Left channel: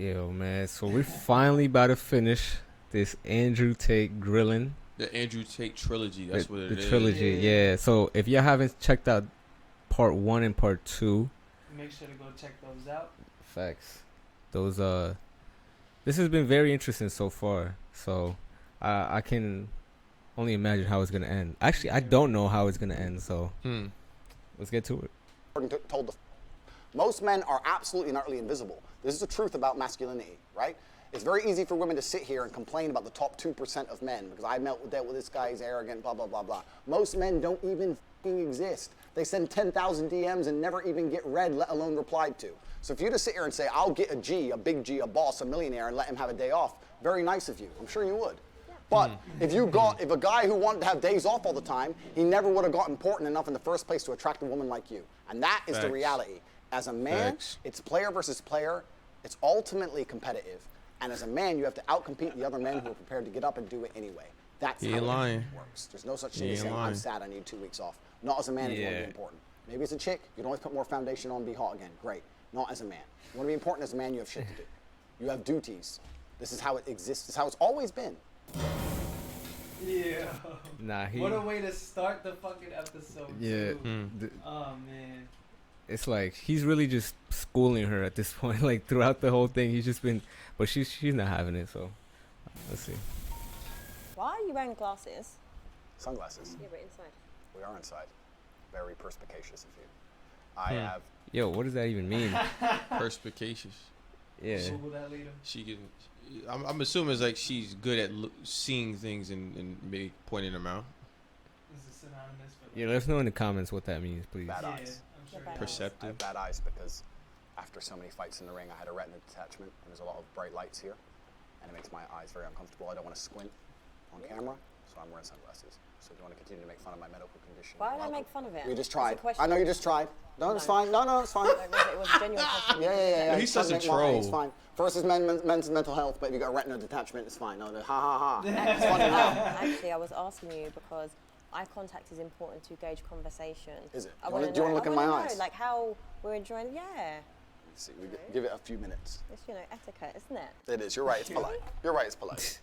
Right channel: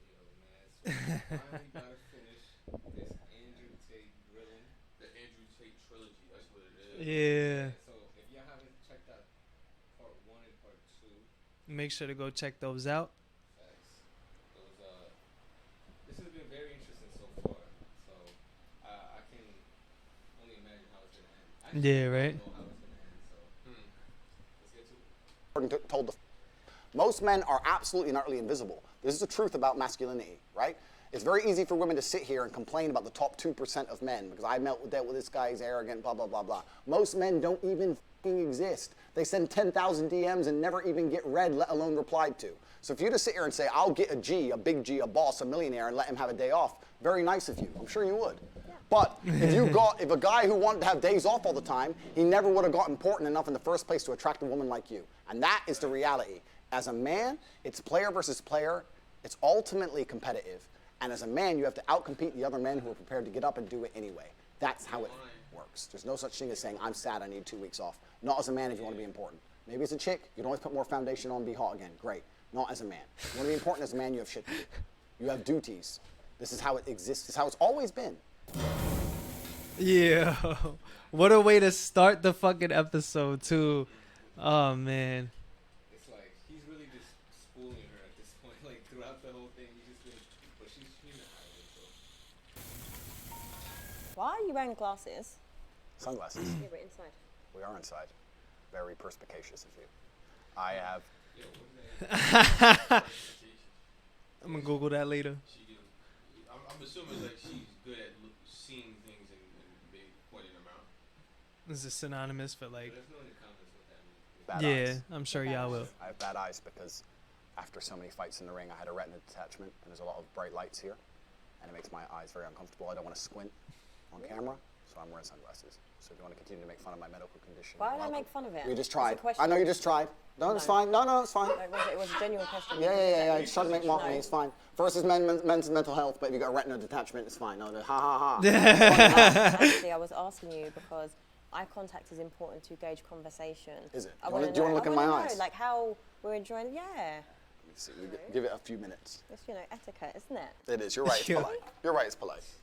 Yo, man. So we finally about to finish this Andrew Tate grilling. The Andrew Tate trilogy. That's what it is. The trilogy, yeah. So if y'all haven't checked out part 1 and part 2, make sure to go check those out. facts. Those this has been very interesting so far. So I can only imagine how it's gonna end. Actually, I don't know how it's gonna end. So let's get to it. Most men are absolutely and utterly invisible. This is the truth about masculinity, right? It's very easy for women to sit here and complain about the top 2% of men because I dealt with this guy, he's arrogant, blah, blah, blah, blah. Most men don't even exist. They send 10,000 DMs and never even get read, let alone replied to. So if you just sit here and say, I'll get a G, a big G, a boss, a millionaire, and let him have a day off, very nice of you. I'm sure you would. But if a guy who wanted to have days off all the time, he never would have got important enough in the first place to attract a woman like you. And that is the reality. As a man, it's player versus player. It's ultimately competitive. And as a man, you have to outcompete the other men who are prepared to get up and do it anyway. That's how it works. There's no such thing as saying, I'm sad, I need 2 weeks off. Not as a man if you want to be important. Maybe as a chick, you can always put more foundation on and be hot again. Great. Not as a man. You want to be important as a man, you have shit to do. You have duties. This is how it exists. This is how it's always been. Yeah. What a way to start the fucking episode, too. Oh, man. It's like he's really just schooling her at this point. Like throughout the whole thing, he's just been, but she's not having it. So let's see. Why are you wearing glasses? Sunglasses. Yeah, we're inside. We are inside. Very perspicacious of you. I have. Yo, what does that even mean? Perspicacious. Yeah. We'll Google that later. She can. I'm assuming it's like she's good at seeing things and maybe pointing them out. This is synonymous for like. Yeah, let us know in the comments what that means, please. Bad eyes. I'm sure y'all will. I have bad eyes because after so many fights in the ring, I had a retina detachment, and there's a lot of bright lights here, and it makes my eyes very uncomfortable. I don't want to squint on camera, so I'm wearing sunglasses. So if you want to continue to make fun of my medical condition, why would I make fun of it? You just tried. It's a I know you just tried. No, it's fine. No, it's fine. It was a genuine question. Yeah. He's trying to make money. It's fine. First is men's mental health, but if you got a retina detachment, it's fine. No, ha ha ha. It's funny, huh? Actually, I was asking you because eye contact is important to gauge conversation. Is it? Do you want to look in my eyes? Like how we're enjoying it. Yeah. Let me see. Give it a few minutes. It's, etiquette, isn't it? It is. You're right. It's polite. You're right. It's polite.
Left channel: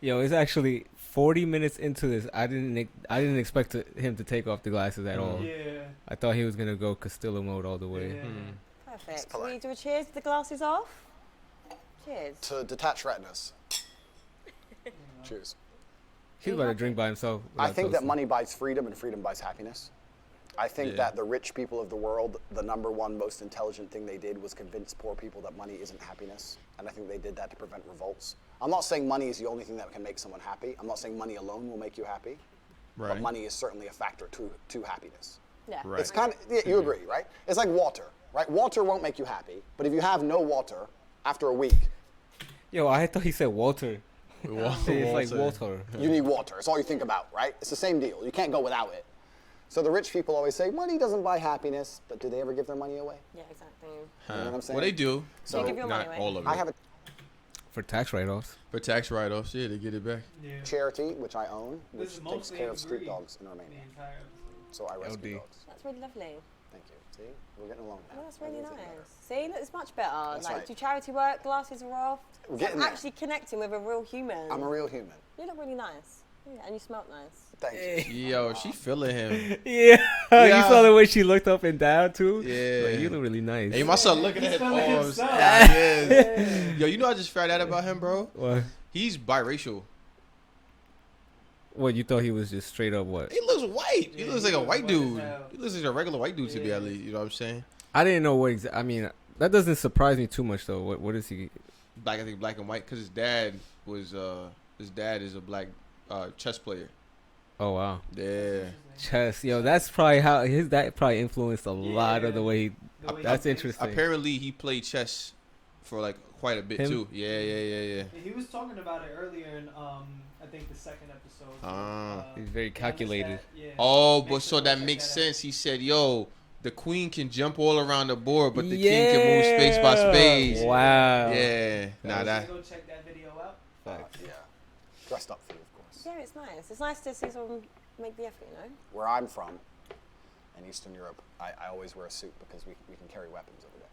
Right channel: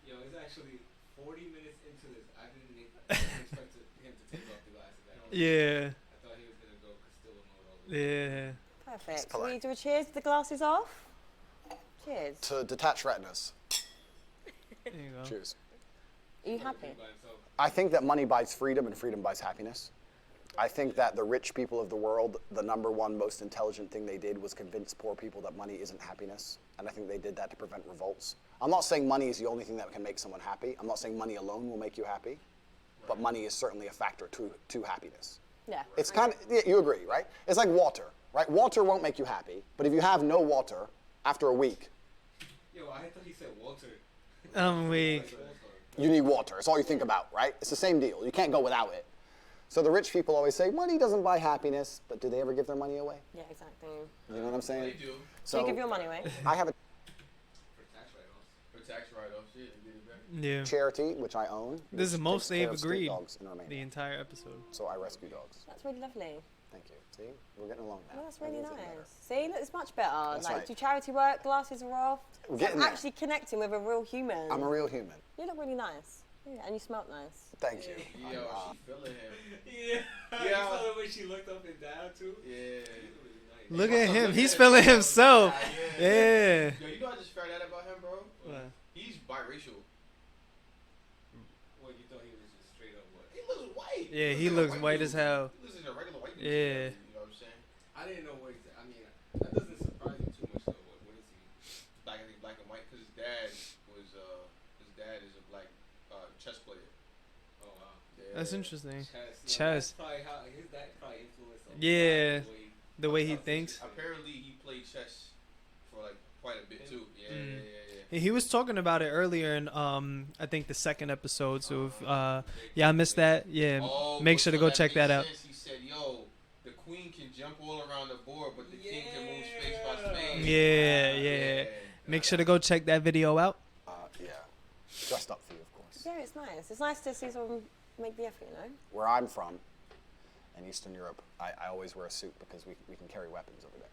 Yo, it's actually 40 minutes into this. I didn't expect him to take off the glasses at all. Yeah. I thought he was gonna go Castillo mode all the way. Yeah. Perfect. Can we do a cheers with the glasses off? Cheers. To detach retinas. There you go. Cheers. He's about to drink by himself. I think that money buys freedom and freedom buys happiness. I think that the rich people of the world, the number one most intelligent thing they did was convince poor people that money isn't happiness. And I think they did that to prevent revolts. I'm not saying money is the only thing that can make someone happy. I'm not saying money alone will make you happy. Right. But money is certainly a factor to happiness. Yeah. Right. It's kind of, you agree, right? It's like water, right? Water won't make you happy. But if you have no water after a week. Yo, I thought he said Walter. It's like water. You need water. It's all you think about, right? It's the same deal. You can't go without it. So the rich people always say, money doesn't buy happiness, but do they ever give their money away? Yeah, exactly. You know what I'm saying? Well, they do. So you give your money away? I have a For tax write-offs. For tax write-offs, yeah, they get it back. Yeah. charity, which I own. This is which most takes care they've of street agreed dogs in Romania. the entire episode. So I rescue dogs. That's really lovely. Thank you. See, we're getting along now. Oh, that's really Everything's nice. getting better. See, look, it's much better. That's like, right. do charity work, glasses are off. We're It's getting like there. actually connecting with a real human. I'm a real human. You look really nice. Yeah, and you smell nice. Thank you. Yo, she feeling him. Yeah. You saw the way she looked up and down too. Yeah. Like, you look really nice. Hey, my son, look, He's feeling himself. Yeah. Yo, you know I just found out about him, bro? What? He's biracial. What, you thought he was just straight up what? He looks white. Yeah, he looks he like a looks white white dude. as hell. He looks like a regular white dude to me, Yeah. at least. You know what I'm saying? I didn't know what I mean, that doesn't surprise me too much though. What is he? I think black and white, because his dad is a black chess player. Oh wow. Yeah. That's interesting. Chess. Yo, Chess. that's probably how that probably influenced a lot of the way. The way That's he thinks. interesting. Apparently, he played chess for like quite a bit Him? too. Yeah. He was talking about it earlier in I think the second episode. So He's very yeah, I missed that. calculated. Yeah. Oh, Make but sure so to go that check makes that out. sense. He said, "Yo, the queen can jump all around the board, but the king can move space by space." Yeah. Wow. Yeah. Make sure to go check that video out. Yeah. Dressed up for you, of course. Yeah, it's nice. It's nice to see someone make the effort, you know? Where I'm from, in Eastern Europe, I always wear a suit because we can carry weapons over there.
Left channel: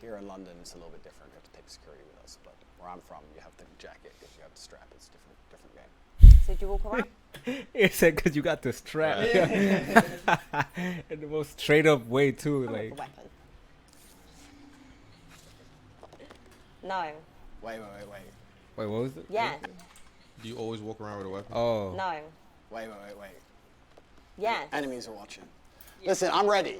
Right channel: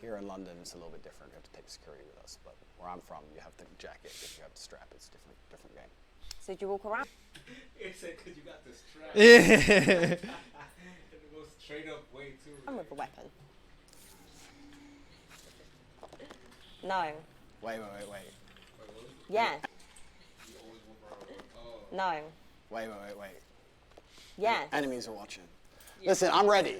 Here in London, it's a little bit different. You have to take security with us. But where I'm from, you have the jacket. If you have the strap, it's different game. So do you walk around? It said because you got the strap. In the most straight up way too. I'm Like with a weapon. No. Wait. Wait, what was it? Yes. Do you always walk around with a weapon? Oh. No. Wait. Yes. Enemies are watching. Listen, I'm ready.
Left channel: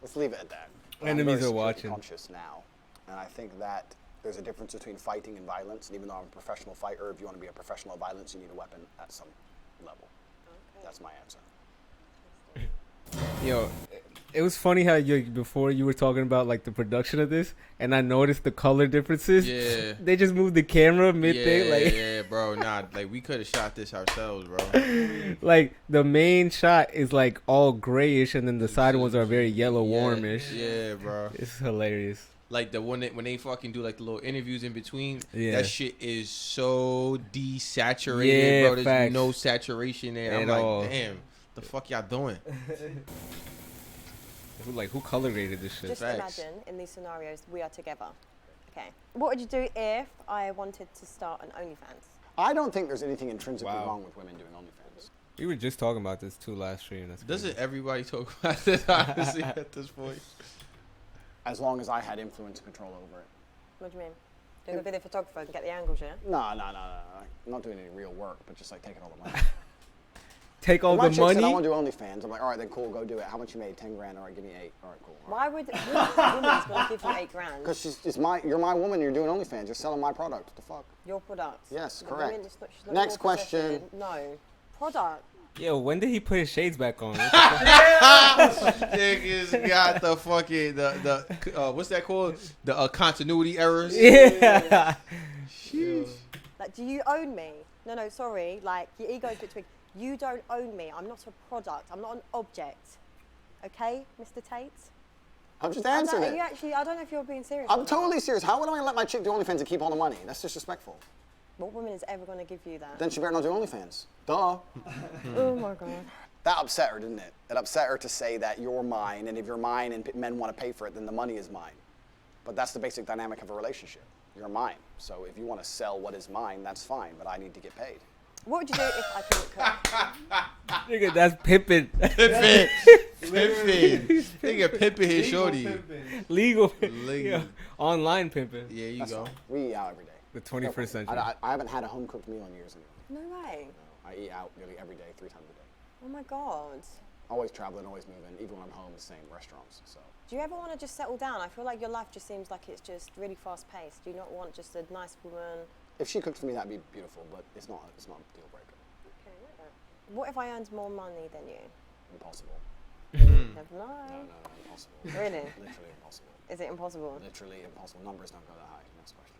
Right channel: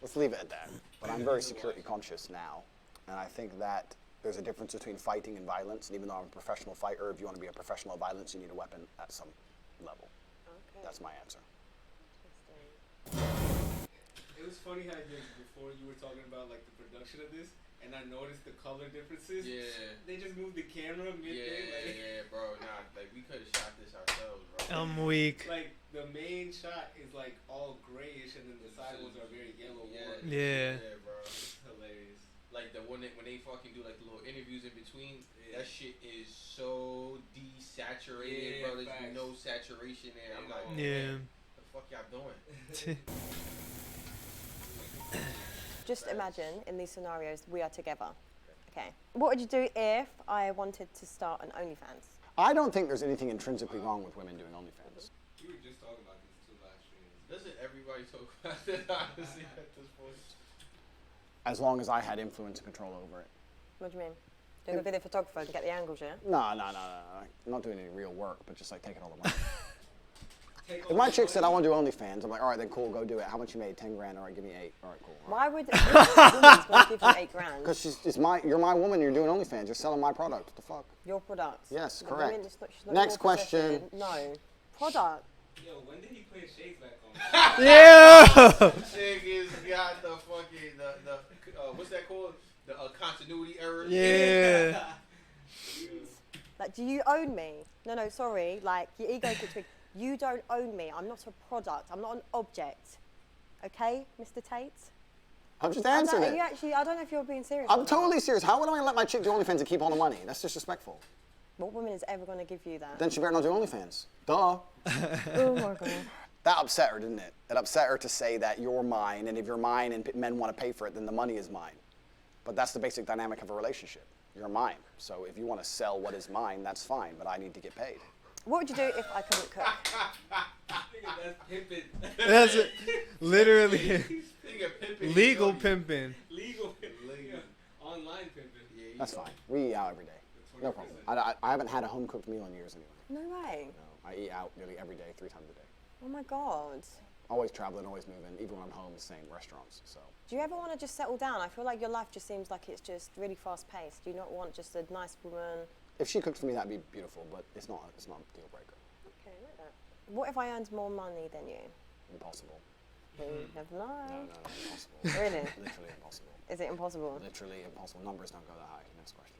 Let's leave it at that. But I'm very Enemies are security watching. conscious now, and I think that there's a difference between fighting and violence. And even though I'm a professional fighter, if you want to be a professional of violence, you need a weapon at some level. Okay. That's my answer. Yo, it was funny how before you were talking about like the production of this, and I noticed the color differences. Yeah. They just moved the camera mid thing, like Yeah, bro. Nah, like we could have shot this ourselves, bro. Weak. like the main shot is like all grayish, and then the side ones are very yellow, warmish. Yeah, bro. It's hilarious. Like the one that when they fucking do like the little interviews in between, Yeah. that shit is so desaturated, Yeah, bro. There's facts. no saturation there. At I'm like, all. damn, the fuck y'all doing? Like who color graded this shit? Just Facts. imagine in these scenarios we are together. Okay. What would you do if I wanted to start an OnlyFans? I don't think there's anything intrinsically Wow. wrong with women doing OnlyFans. We were just talking about this too last stream. That's Doesn't crazy. everybody talk about this honestly at this point? As long as I had influence and control over it. What do you mean? Doing a video photographer and get the angles, yeah? No. I'm not doing any real work, but just like taking all the money. Take all If my the chick money. said I want to do OnlyFans, I'm like, all right, then cool, go do it. How much you made? 10 grand. All right, give me 8. All right, cool. Why would which woman's going to give you $8,000? Because you're my woman. You're doing OnlyFans. You're selling my product. What the fuck? Your product. Yes, The correct. women, it's not- she's not Next your question. possession. No. Product. Yo, when did he put his shades back on? Niggas got the fucking the what's that called? The continuity errors. Yeah. Like, do you own me? No, sorry. Like, your ego gets big. You don't own me. I'm not a product. I'm not an object. Okay, Mr. Tate? I'm just I answering don't, it. you actually, I don't know if you're being serious. I'm or not. totally serious. How would I let my chick do OnlyFans and keep all the money? That's disrespectful. What woman is ever going to give you that? Then she better not do OnlyFans. Duh. Oh my God. That upset her, didn't it? It upset her to say that you're mine, and if you're mine and men want to pay for it, then the money is mine. But that's the basic dynamic of a relationship. You're mine. So if you want to sell what is mine, that's fine, but I need to get paid. What would you do if I couldn't cook? Nigga, that's pimping. Literally. Nigga pimping his Legal shorty. pimping. Legal. Legal. Yeah. Online pimping. Yeah, you That's go. fine. We eat out every day. The No 21st problem. century. I haven't had a home-cooked meal in years anyway. No way. No, I eat out nearly every day, 3 times a day. Oh my God. Always traveling, always moving. Even when I'm home, the same restaurants. So Do you ever want to just settle down? I feel like your life just seems like it's just really fast-paced. Do you not want just a nice woman? if she cooked for me, that'd be beautiful. But it's not a deal breaker. Okay, I like that. What if I earned more money than you? Impossible. You never know. No, impossible. Really? Literally impossible. Is it impossible? Literally impossible. Numbers don't go that high. Next question.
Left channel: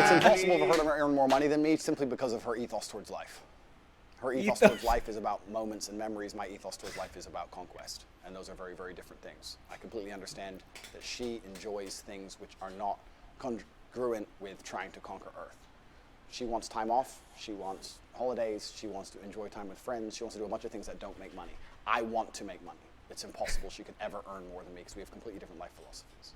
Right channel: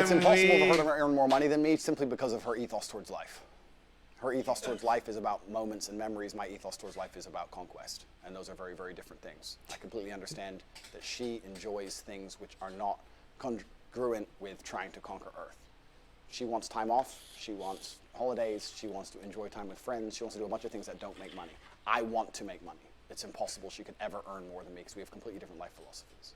It's impossible for her to earn more money than me simply because of her ethos towards life. Her ethos towards life is about moments and memories. My ethos towards life is about conquest. And those are very, very different things. I completely understand that she enjoys things which are not congruent with trying to conquer Earth. She wants time off. She wants holidays. She wants to enjoy time with friends. She wants to do a bunch of things that don't make money. I want to make money. It's impossible she could ever earn more than me because we have completely different life philosophies.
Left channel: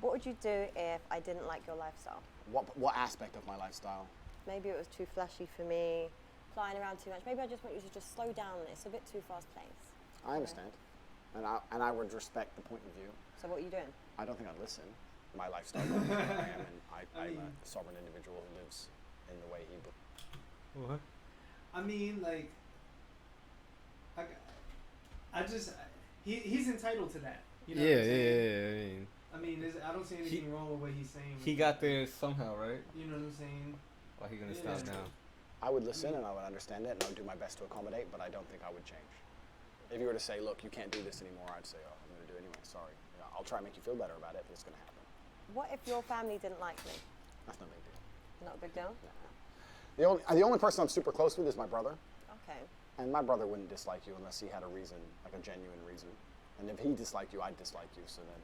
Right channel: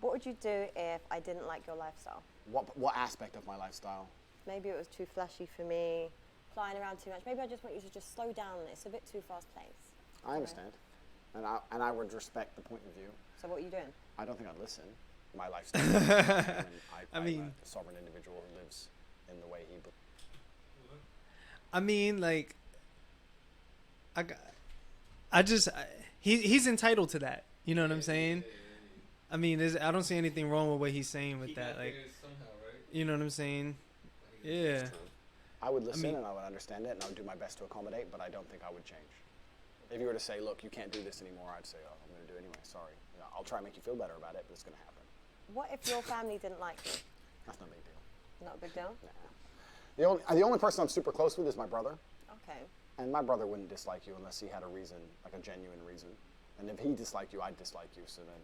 What would you do if I didn't like your lifestyle? What aspect of my lifestyle? Maybe it was too flashy for me, flying around too much. Maybe I just want you to just slow down. It's a bit too fast-paced. I understand. And I would respect the point of view. So what are you doing? I don't think I'd listen. My lifestyle. I'm a sovereign individual who lives in the way he believes. What? I mean, like, he's entitled to that. You know what I'm saying? Yeah. I mean, I don't see anything wrong with what he's saying. With He that. got like, there somehow, right? You know what I'm saying? Why he gonna Yeah. stop now? I would listen and I would understand it and I would do my best to accommodate, but I don't think I would change. If you were to say, look, you can't do this anymore, I'd say, oh, I'm going to do it anyway. Sorry. Yeah, I'll try and make you feel better about it, but it's going to happen. What if your family didn't like me? That's no big deal. Not a big deal? Nah. The only person I'm super close with is my brother. Okay. And my brother wouldn't dislike you unless he had a reason, like a genuine reason. And if he disliked you, I'd dislike you, so then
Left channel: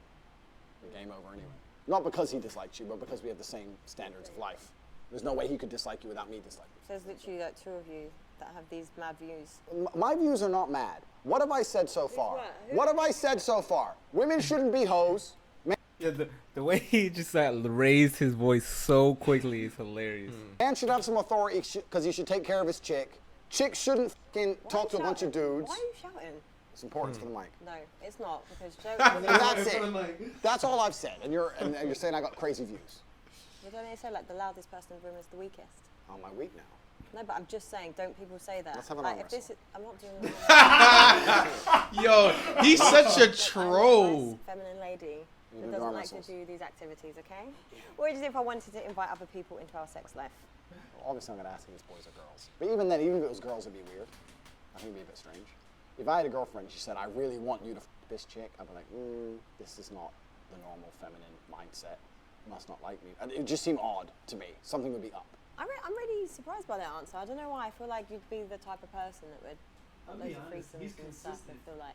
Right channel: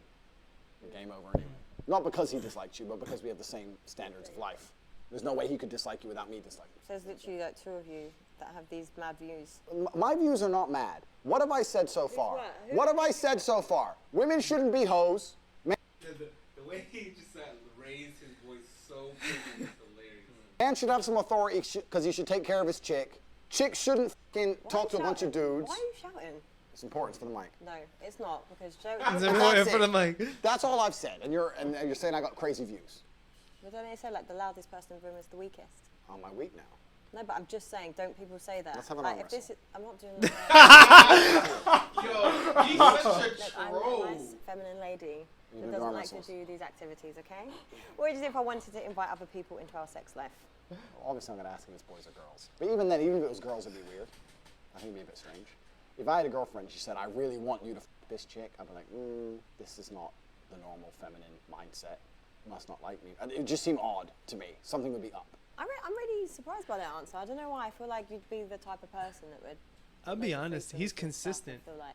the game over anyway. Not because he disliked you, but because we have the same standards of life. There's no way he could dislike you without me disliking you. So there's literally like two of you that have these mad views. My views are not mad. What have I said so far? what? What have I said so far? Women shouldn't be hoes. Men Yeah, the way he just raised his voice so quickly is hilarious. Man should have some authority because he should take care of his chick. Chick shouldn't fucking talk to a bunch of dudes. Why are you shouting? It's important for the mic. No, it's not, because Joe... That's it. That's all I've said. And you're saying I got crazy views. But don't they say, like, the loudest person in the room is the weakest? Oh, my weak now. No, but I'm just saying, don't people say that? Let's have an like, arm if this wrestle. is, I'm not doing that. Yo, he's such a Look, troll. I'm a nice feminine lady You who do doesn't arm like wrestles. to do these activities, okay? What would you do if I wanted to invite other people into our sex life? Obviously, I'm going to ask if it's boys or girls. But even then, even if it was girls, it'd be weird. I think it'd be a bit strange. If I had a girlfriend, she said, I really want you to f this chick, I'd be like, this is not the normal feminine mindset. Must not like me. And it would just seem odd to me. Something would be up. I'm really surprised by that answer. I don't know why. I feel like you'd be the type of person that would... I'll be honest, he's consistent. Feel like.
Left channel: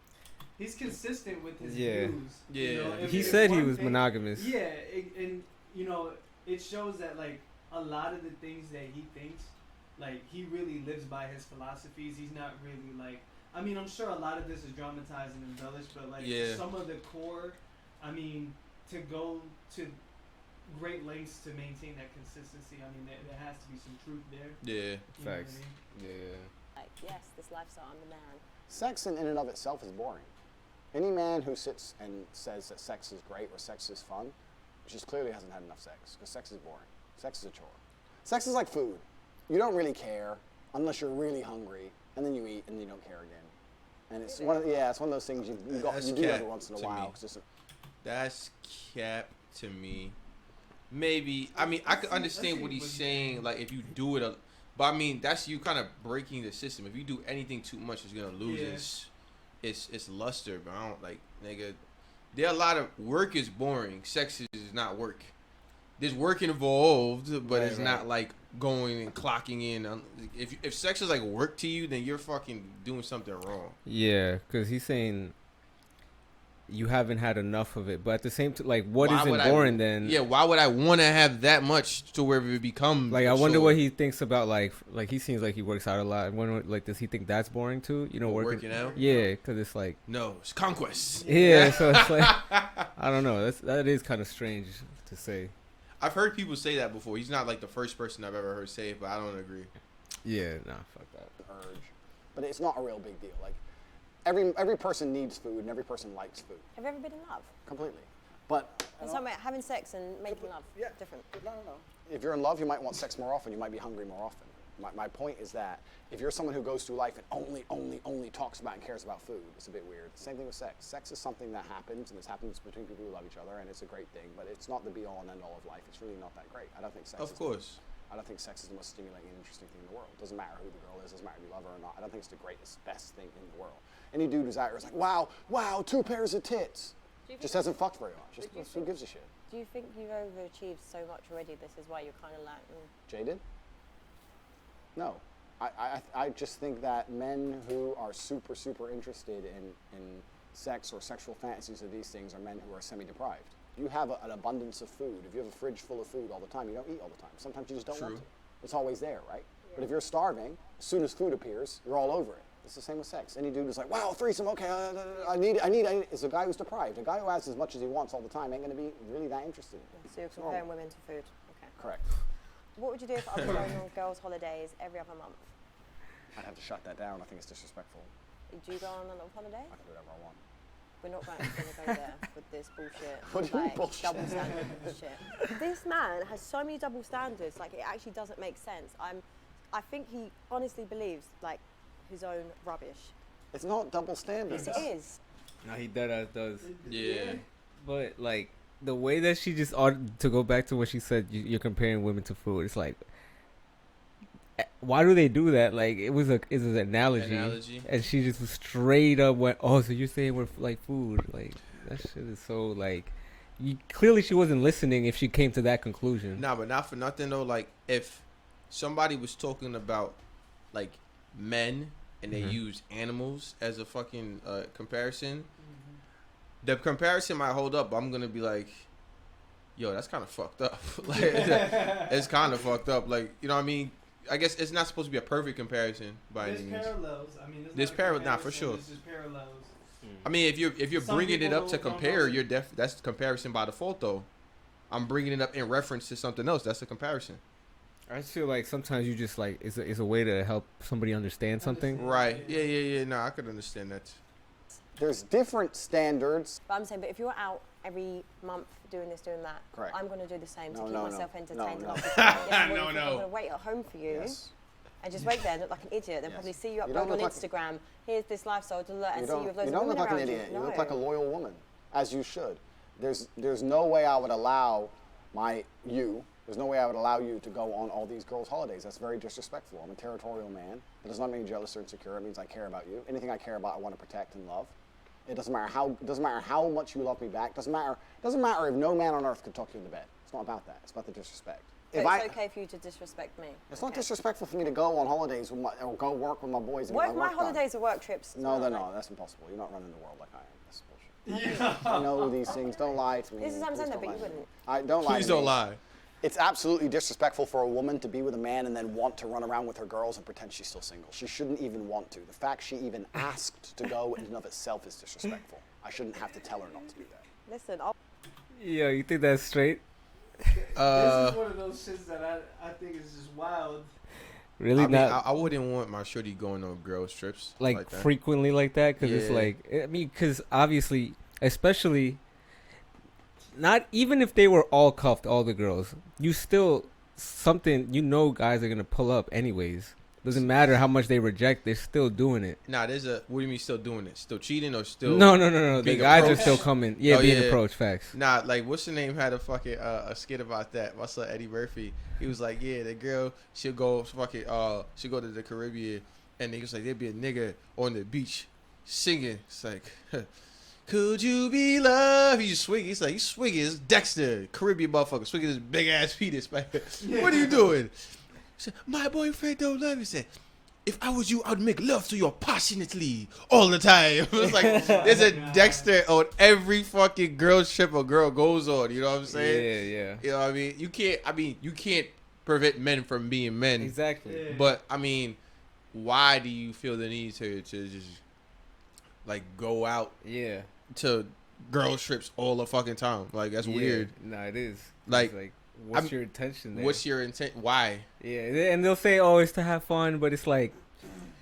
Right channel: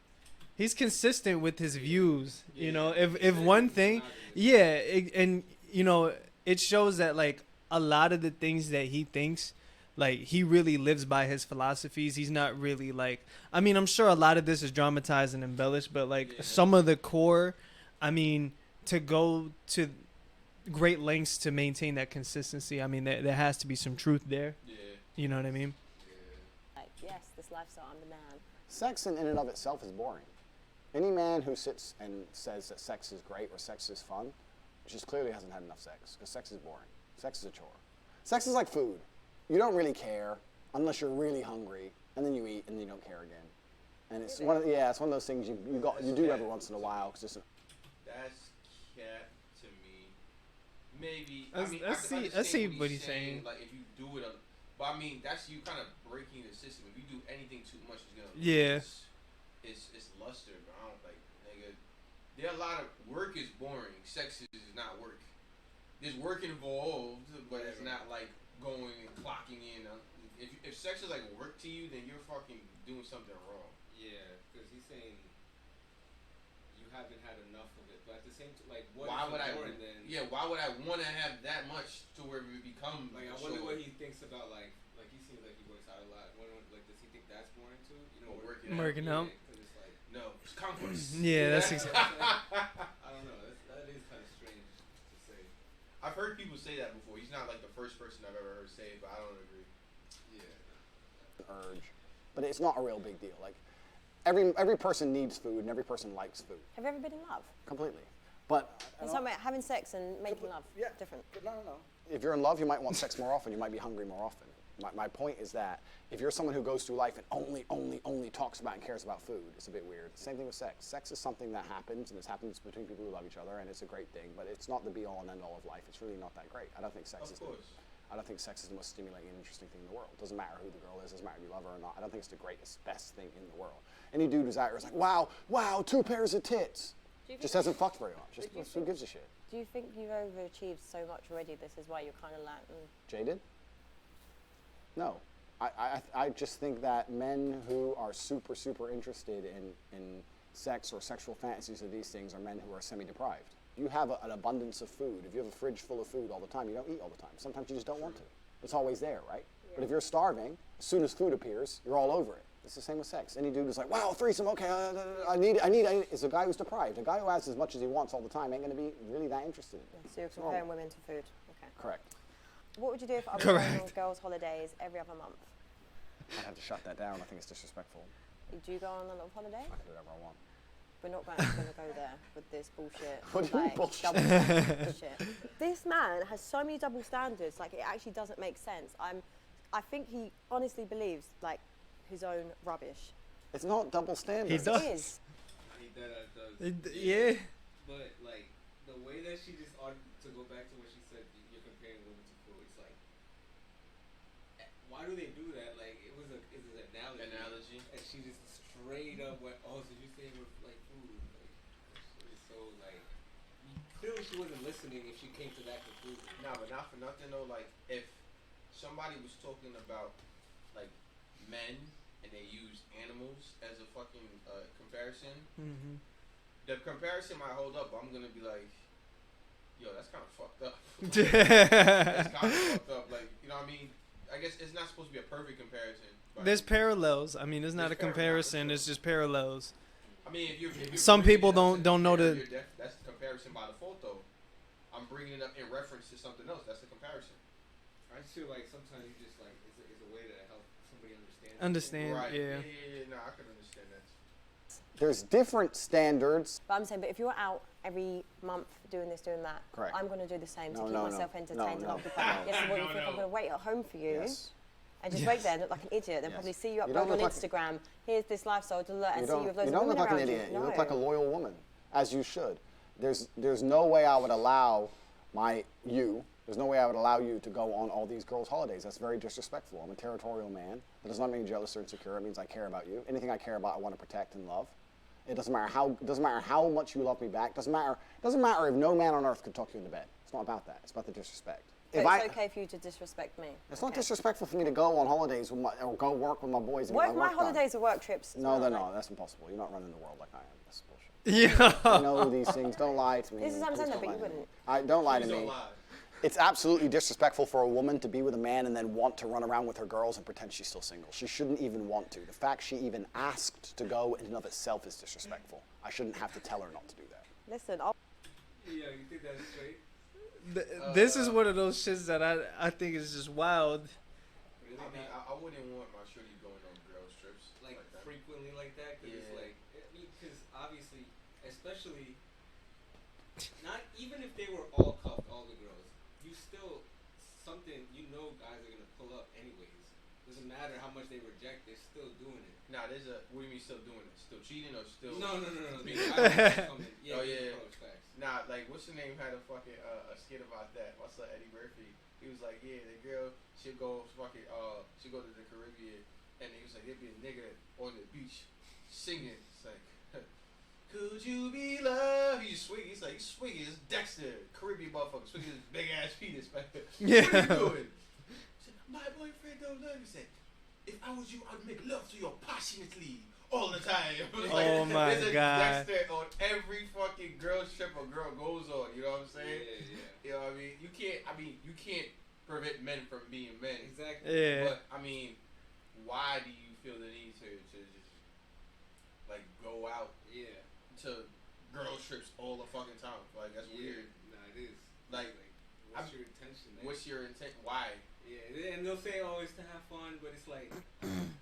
He's consistent with his views. Yeah. You know, He if said one he was thing, monogamous. yeah, and you know, it shows that like a lot of the things that he thinks, like he really lives by his philosophies. He's not really like, I mean, I'm sure a lot of this is dramatized and embellished, but like some of the core, I mean, to go to great lengths to maintain that consistency. I mean, there has to be some truth there. Yeah. You know what I mean? Yeah. Like, yes, this lifestyle, I'm the man. Sex in and of itself is boring. Any man who sits and says that sex is great or sex is fun just clearly hasn't had enough sex, because sex is boring. Sex is a chore. Sex is like food. You don't really care unless you're really hungry, and then you eat and you don't care again. And it's one of those things you do every once in a while. That's cap to me. Maybe I can understand what he's saying. Like if you do it, but I mean that's you kind of breaking the system. If you do anything too much, it's gonna lose its luster. But I don't like, nigga. There are a lot of work is boring. Sex is not work. There's work involved, but it's not like going and clocking in. If sex is like work to you, then you're fucking doing something wrong. Yeah, because he's saying you haven't had enough of it, but at the same time, like, what isn't boring then? Yeah, why would I want to have that much to where it becomes like? I wonder what he thinks about like he seems like he works out a lot. I wonder, like, does he think that's boring too? You know, working out. Yeah, because it's like it's conquest. Yeah, so it's like I don't know. That is kind of strange to say. I've heard people say that before. He's not like the first person I've ever heard say it, but I don't agree. Yeah, nah, fuck that. Urge, but it's not a real big deal. Like every person needs food and every person likes food. Have you ever been in love? Completely, but It's something like having sex and making love. Different. No. If you're in love, you might want sex more often. You might be hungry more often. My point is that if you're someone who goes through life and only talks about and cares about food, it's a bit weird. Same thing with sex. Sex is something that happens, and it happens between people who love each other, and it's a great thing. But it's not the be-all and end-all of life. It's really not that great. I don't think sex. I don't think sex is the most stimulating and interesting thing in the world. Doesn't matter who the girl is. Doesn't matter if you love her or not. I don't think it's the greatest, best thing in the world. Any dude who's out here is like, wow, 2 pairs of tits. Just hasn't fucked very much. Just who gives a shit? Do you think you've overachieved so much already? This is why you're kind of like. Jaded? No. I just think that men who are super interested in sex or sexual fantasies of these things are men who are semi-deprived. You have an abundance of food. If you have a fridge full of food all the time, you don't eat all the time. Sometimes you just don't want to. It's always there, right? Yeah. But if you're starving, as soon as food appears, you're all over it. It's the same with sex. Any dude who's like, wow, threesome, okay, I need it. It's a guy who's deprived. A guy who has as much as he wants all the time ain't going to be really that interested in it. So you're comparing women to food. Okay. Correct. What would you do if I was going on girls' holidays every other month? I'd have to shut that down. I think it's disrespectful. Do you go on a little holiday? I can do whatever I want. We're not going to go there with this bullshit. What do you mean bullshit? Double standard bullshit. This man has so many double standards. Like, it actually doesn't make sense. I think he honestly believes like his own rubbish. It's not double standards. It is. No, he deadass does. Yeah. But like the way that she just to go back to what she said, you're comparing women to food. It's like, why do they do that? Like it was an analogy, and she just straight up went, "Oh, so you're saying we're like food?" Like that shit is so like, clearly she wasn't listening if she came to that conclusion. Nah, but not for nothing though. Like if somebody was talking about like men and they use animals as a fucking comparison, the comparison might hold up. But I'm gonna be like, yo, that's kind of fucked up. Like, it's kind of fucked up. Like, you know what I mean? I guess it's not supposed to be a perfect comparison. There's parallels. I mean, it's not a comparison. It's just parallels. I mean, if you're some bringing people it up to don't know compare, that. That's comparison by default, though. I'm bringing it up in reference to something else. That's a comparison. I just feel like sometimes you just like it's a way to help somebody understand something. Right. Yeah. No, I could understand that. There's different standards. But I'm saying, but if you're out every month doing this, doing that, Correct. I'm going to do the same to keep No, myself entertained. No. Yes, what do you think? I'm going to wait at home for you Yes. and just wait there and look like an idiot. Then Yes. probably see you You don't upload on look Instagram. Here's this lifestyle to learn and see you with loads You of don't women look like an around idiot. you. You look like a loyal woman, as you should. There's no way I would allow There's no way I would allow you to go on all these girls' holidays. That's very disrespectful. I'm a territorial man. That does not mean jealous or insecure. It means I care about you. Anything I care about, I want to protect and love. It doesn't matter how much you love me back. Doesn't matter if no man on earth could talk you into bed. It's not about that. It's about the disrespect. But it's okay for you to disrespect me. It's not disrespectful for me to go on holidays or go work with my boys. And What get if my work done. holidays are work trips? No, they're not. That's impossible. You're not running the world like I am. That's bullshit. Yeah. I know these things. Don't lie to me. This is what I'm Please saying, don't but lie you to me. wouldn't. Don't lie Please to me. don't lie. It's absolutely disrespectful for a woman to be with a man and then want to run around with her girls and pretend she's still single. She shouldn't even want to. The fact she even asked to go in and of itself is disrespectful. I shouldn't have to tell her not to do that. Listen, Yeah, you think that's straight? This is one of those shits that I think is just wild. Really I wouldn't want my shorty going on girls trips like that. frequently like that, because it's Yeah. like, I mean, because obviously, especially, not even if they were all cuffed, all the girls, you still something, guys are gonna pull up anyways. Doesn't matter how much they reject, they're still doing it. Nah, what do you mean still doing it? Still cheating or still? No. The being guys are approached? still coming. Yeah, Oh, being yeah. approached. Facts. Nah, like what's the name had a fucking a skit about that. What's up, Eddie Murphy? He was like, yeah, the girl she'll go to the Caribbean, and he was like, there'd be a nigga on the beach singing. It's like, could you be loved? He's swinging. He's like, he's swinging. It's Dexter, Caribbean motherfucker, swinging his big ass penis. Man. What are you doing? He said, my boyfriend don't love me. He said, if I was you, I would make love to you passionately all the time. It's like, there's a God. Dexter on every fucking girl's trip a girl goes on. You know what I'm saying? Yeah. You know what I mean? You can't prevent men from being men. Exactly. Yeah. But, I mean, why do you feel the need to just, like, go out Yeah. to girls trips all the fucking time? Like, that's weird. Nah, it is. Like, what's your intention there? What's your intent? Why? Yeah, and they'll say, oh, it's to have fun, but it's like,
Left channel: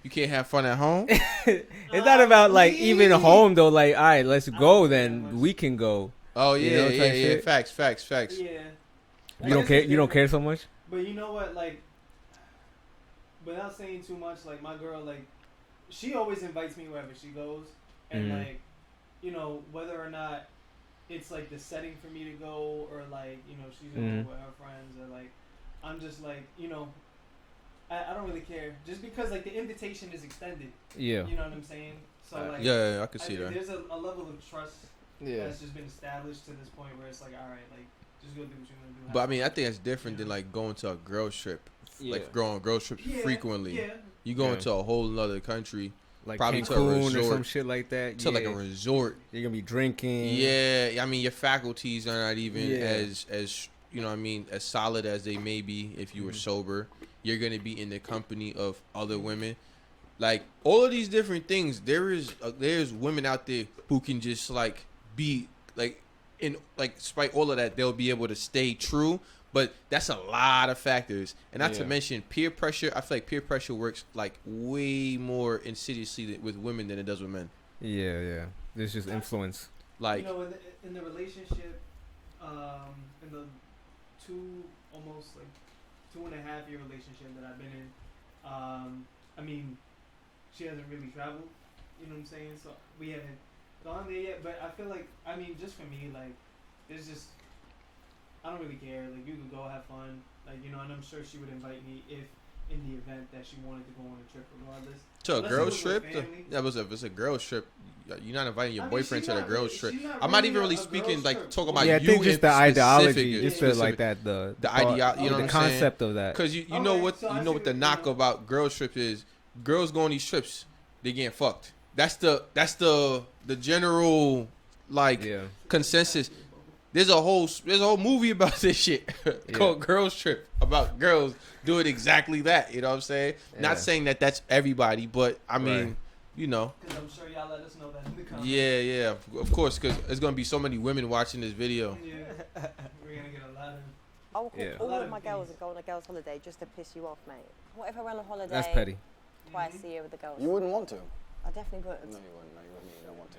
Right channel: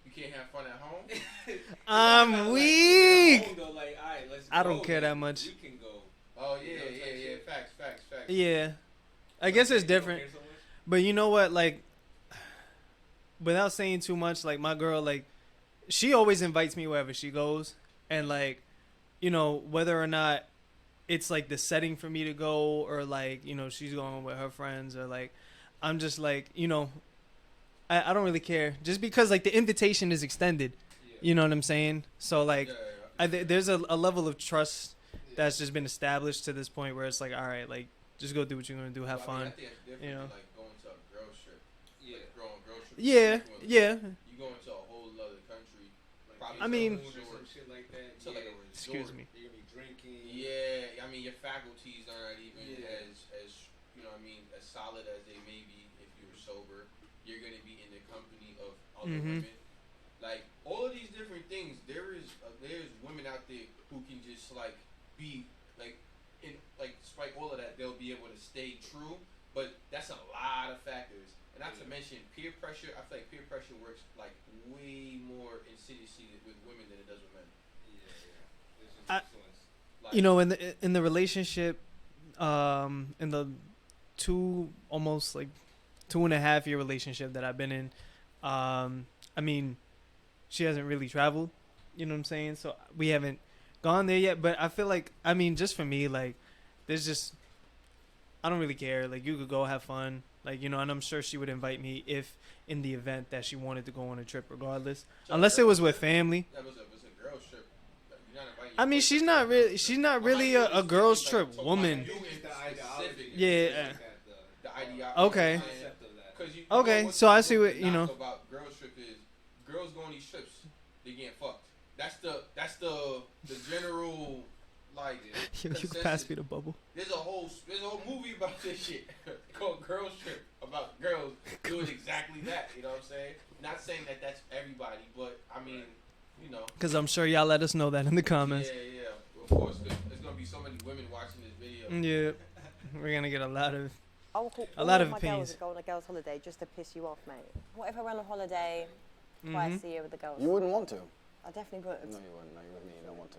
You can't have fun at home? it's not about like even home though. Like, all right, let's I go don't care that then. much. We can go. Oh, You yeah, know, type yeah. shit. Facts. Yeah. I You guess don't care, it's you don't different. care so much. But you know what, like, without saying too much, like, my girl, like, she always invites me wherever she goes. And, like, whether or not it's, like, the setting for me to go or, like, she's going with her friends or, like, I'm just, like, I don't really care. Just because, like, the invitation is extended. Yeah. You know what I'm saying? So, like, yeah, I can see that. there's a level of trust that's just been established to this point where it's like, all right, like, just go do what you're going to do. Have But, fun. I mean, I think that's different than, Yeah. like, going to a girls trip. Yeah. Like, going on girls trips Yeah. frequently. Yeah. You go Yeah. into a whole other country. Like Probably to a Cancun or resort. some shit like that. To, like, a resort. You're gonna be drinking. Yeah, I mean, your faculties are not even Yeah. as you know what I mean, as solid as they may be if you were sober. You're going to be in the company of other women. Like, all of these different things, there's women out there who can just, like, be, like, in, like, despite all of that, they'll be able to stay true. But that's a lot of factors. And not to mention peer pressure. I feel like peer pressure works, like, way more insidiously with women than it does with men. Yeah. There's just influence. Like, in the relationship, in the almost like 2.5 year relationship that I've been in, I mean, she hasn't really traveled, you know what I'm saying? So we haven't gone there yet, but I feel like, I mean, just for me, like, there's just, I don't really care. Like, you could go have fun, like, and I'm sure she would invite me if in the event that she wanted to go on a trip regardless. to a Unless it girls was with trip, family. if it's a girls trip, you're not inviting your I mean, boyfriend she's to a not girls really, trip. she's not I'm not really even really a speaking, girls like, trip. talking woman. about I think you just the in ideology, specific, just yeah. to like that, the idea, you know what Okay. I'm saying? concept of that. Because you Okay, know what, so I you see know what what- the knock you know. about girls trip is. Girls go on these trips, they getting fucked. That's the general, like, Yeah. consensus. Pass me the bubble. There's a whole movie about this shit called Girls Trip, about girls doing exactly that. You know what I'm saying? Yeah. Not saying that that's everybody, but I mean, Right. you know. Because I'm sure y'all let us know that in the comments. Yeah, of course, because there's gonna be so many women watching this video. Yeah, we're gonna get a lot of. I will call a all lot of of my opinions. girls and go on a girls' holiday just to piss you off, mate. What if I went on holiday That's petty. twice a year with the girls? You wouldn't want to. I definitely would. No, you wouldn't. No, you're with me. You don't want to.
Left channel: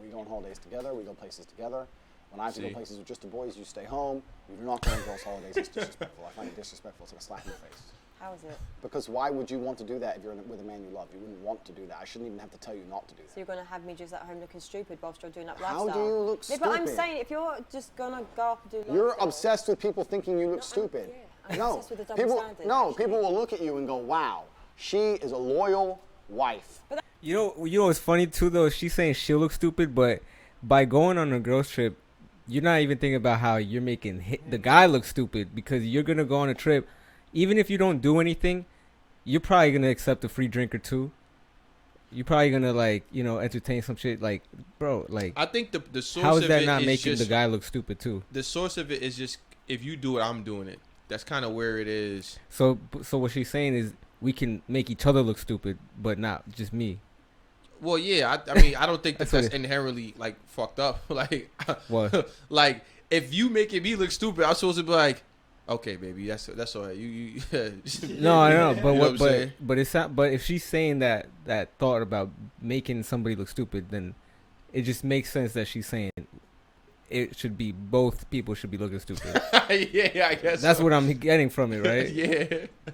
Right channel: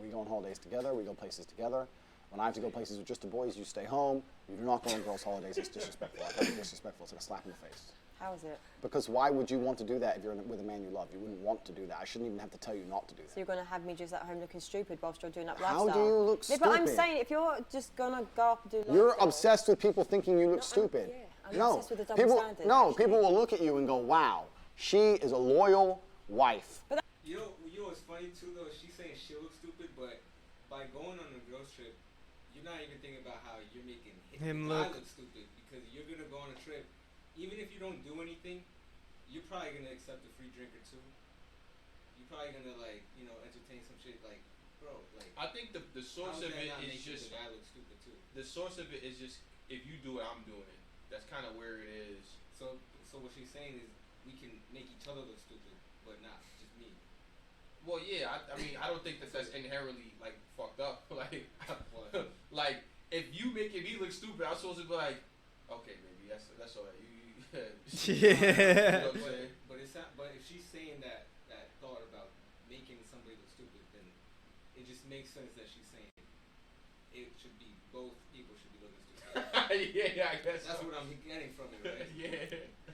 We go on holidays together. We go places together. When I have to go places with just the boys, you stay home. You do not go on girls' holidays. It's disrespectful. I find it disrespectful. It's like a slap in the face. How is it? Because why would you want to do that if you're with a man you love? You wouldn't want to do that. I shouldn't even have to tell you not to do that. So you're going to have me just at home looking stupid whilst you're doing that How lifestyle? do you look Yeah, but I'm stupid? saying if you're just going to go up and do lifestyle... You're obsessed with people thinking you look stupid. I'm no, obsessed with the double people, standard, no, actually. people will look at you and go, wow, she is a loyal wife. You know what's funny too though? She's saying she'll look stupid, but by going on a girls trip, you're not even thinking about how you're making the guy look stupid, because you're gonna go on a trip, even if you don't do anything, you're probably gonna accept a free drink or two. You're probably gonna entertain some shit, like, bro, like. I think the source how of is that it not is making just, the guy look stupid too? The source of it is just, if you do it, I'm doing it. That's kind of where it is. So what she's saying is we can make each other look stupid, but not just me. Well, yeah, I mean, I don't think that's inherently like fucked up. Like, What? like if you making me look stupid, I'm supposed to be like, okay, baby, that's all right. You No, I know, but You know what I'm saying? but it's not. But if she's saying that thought about making somebody look stupid, then it just makes sense that she's saying it should be both people should be looking stupid. Yeah, I guess That's so. what I'm getting from it, right? Yeah.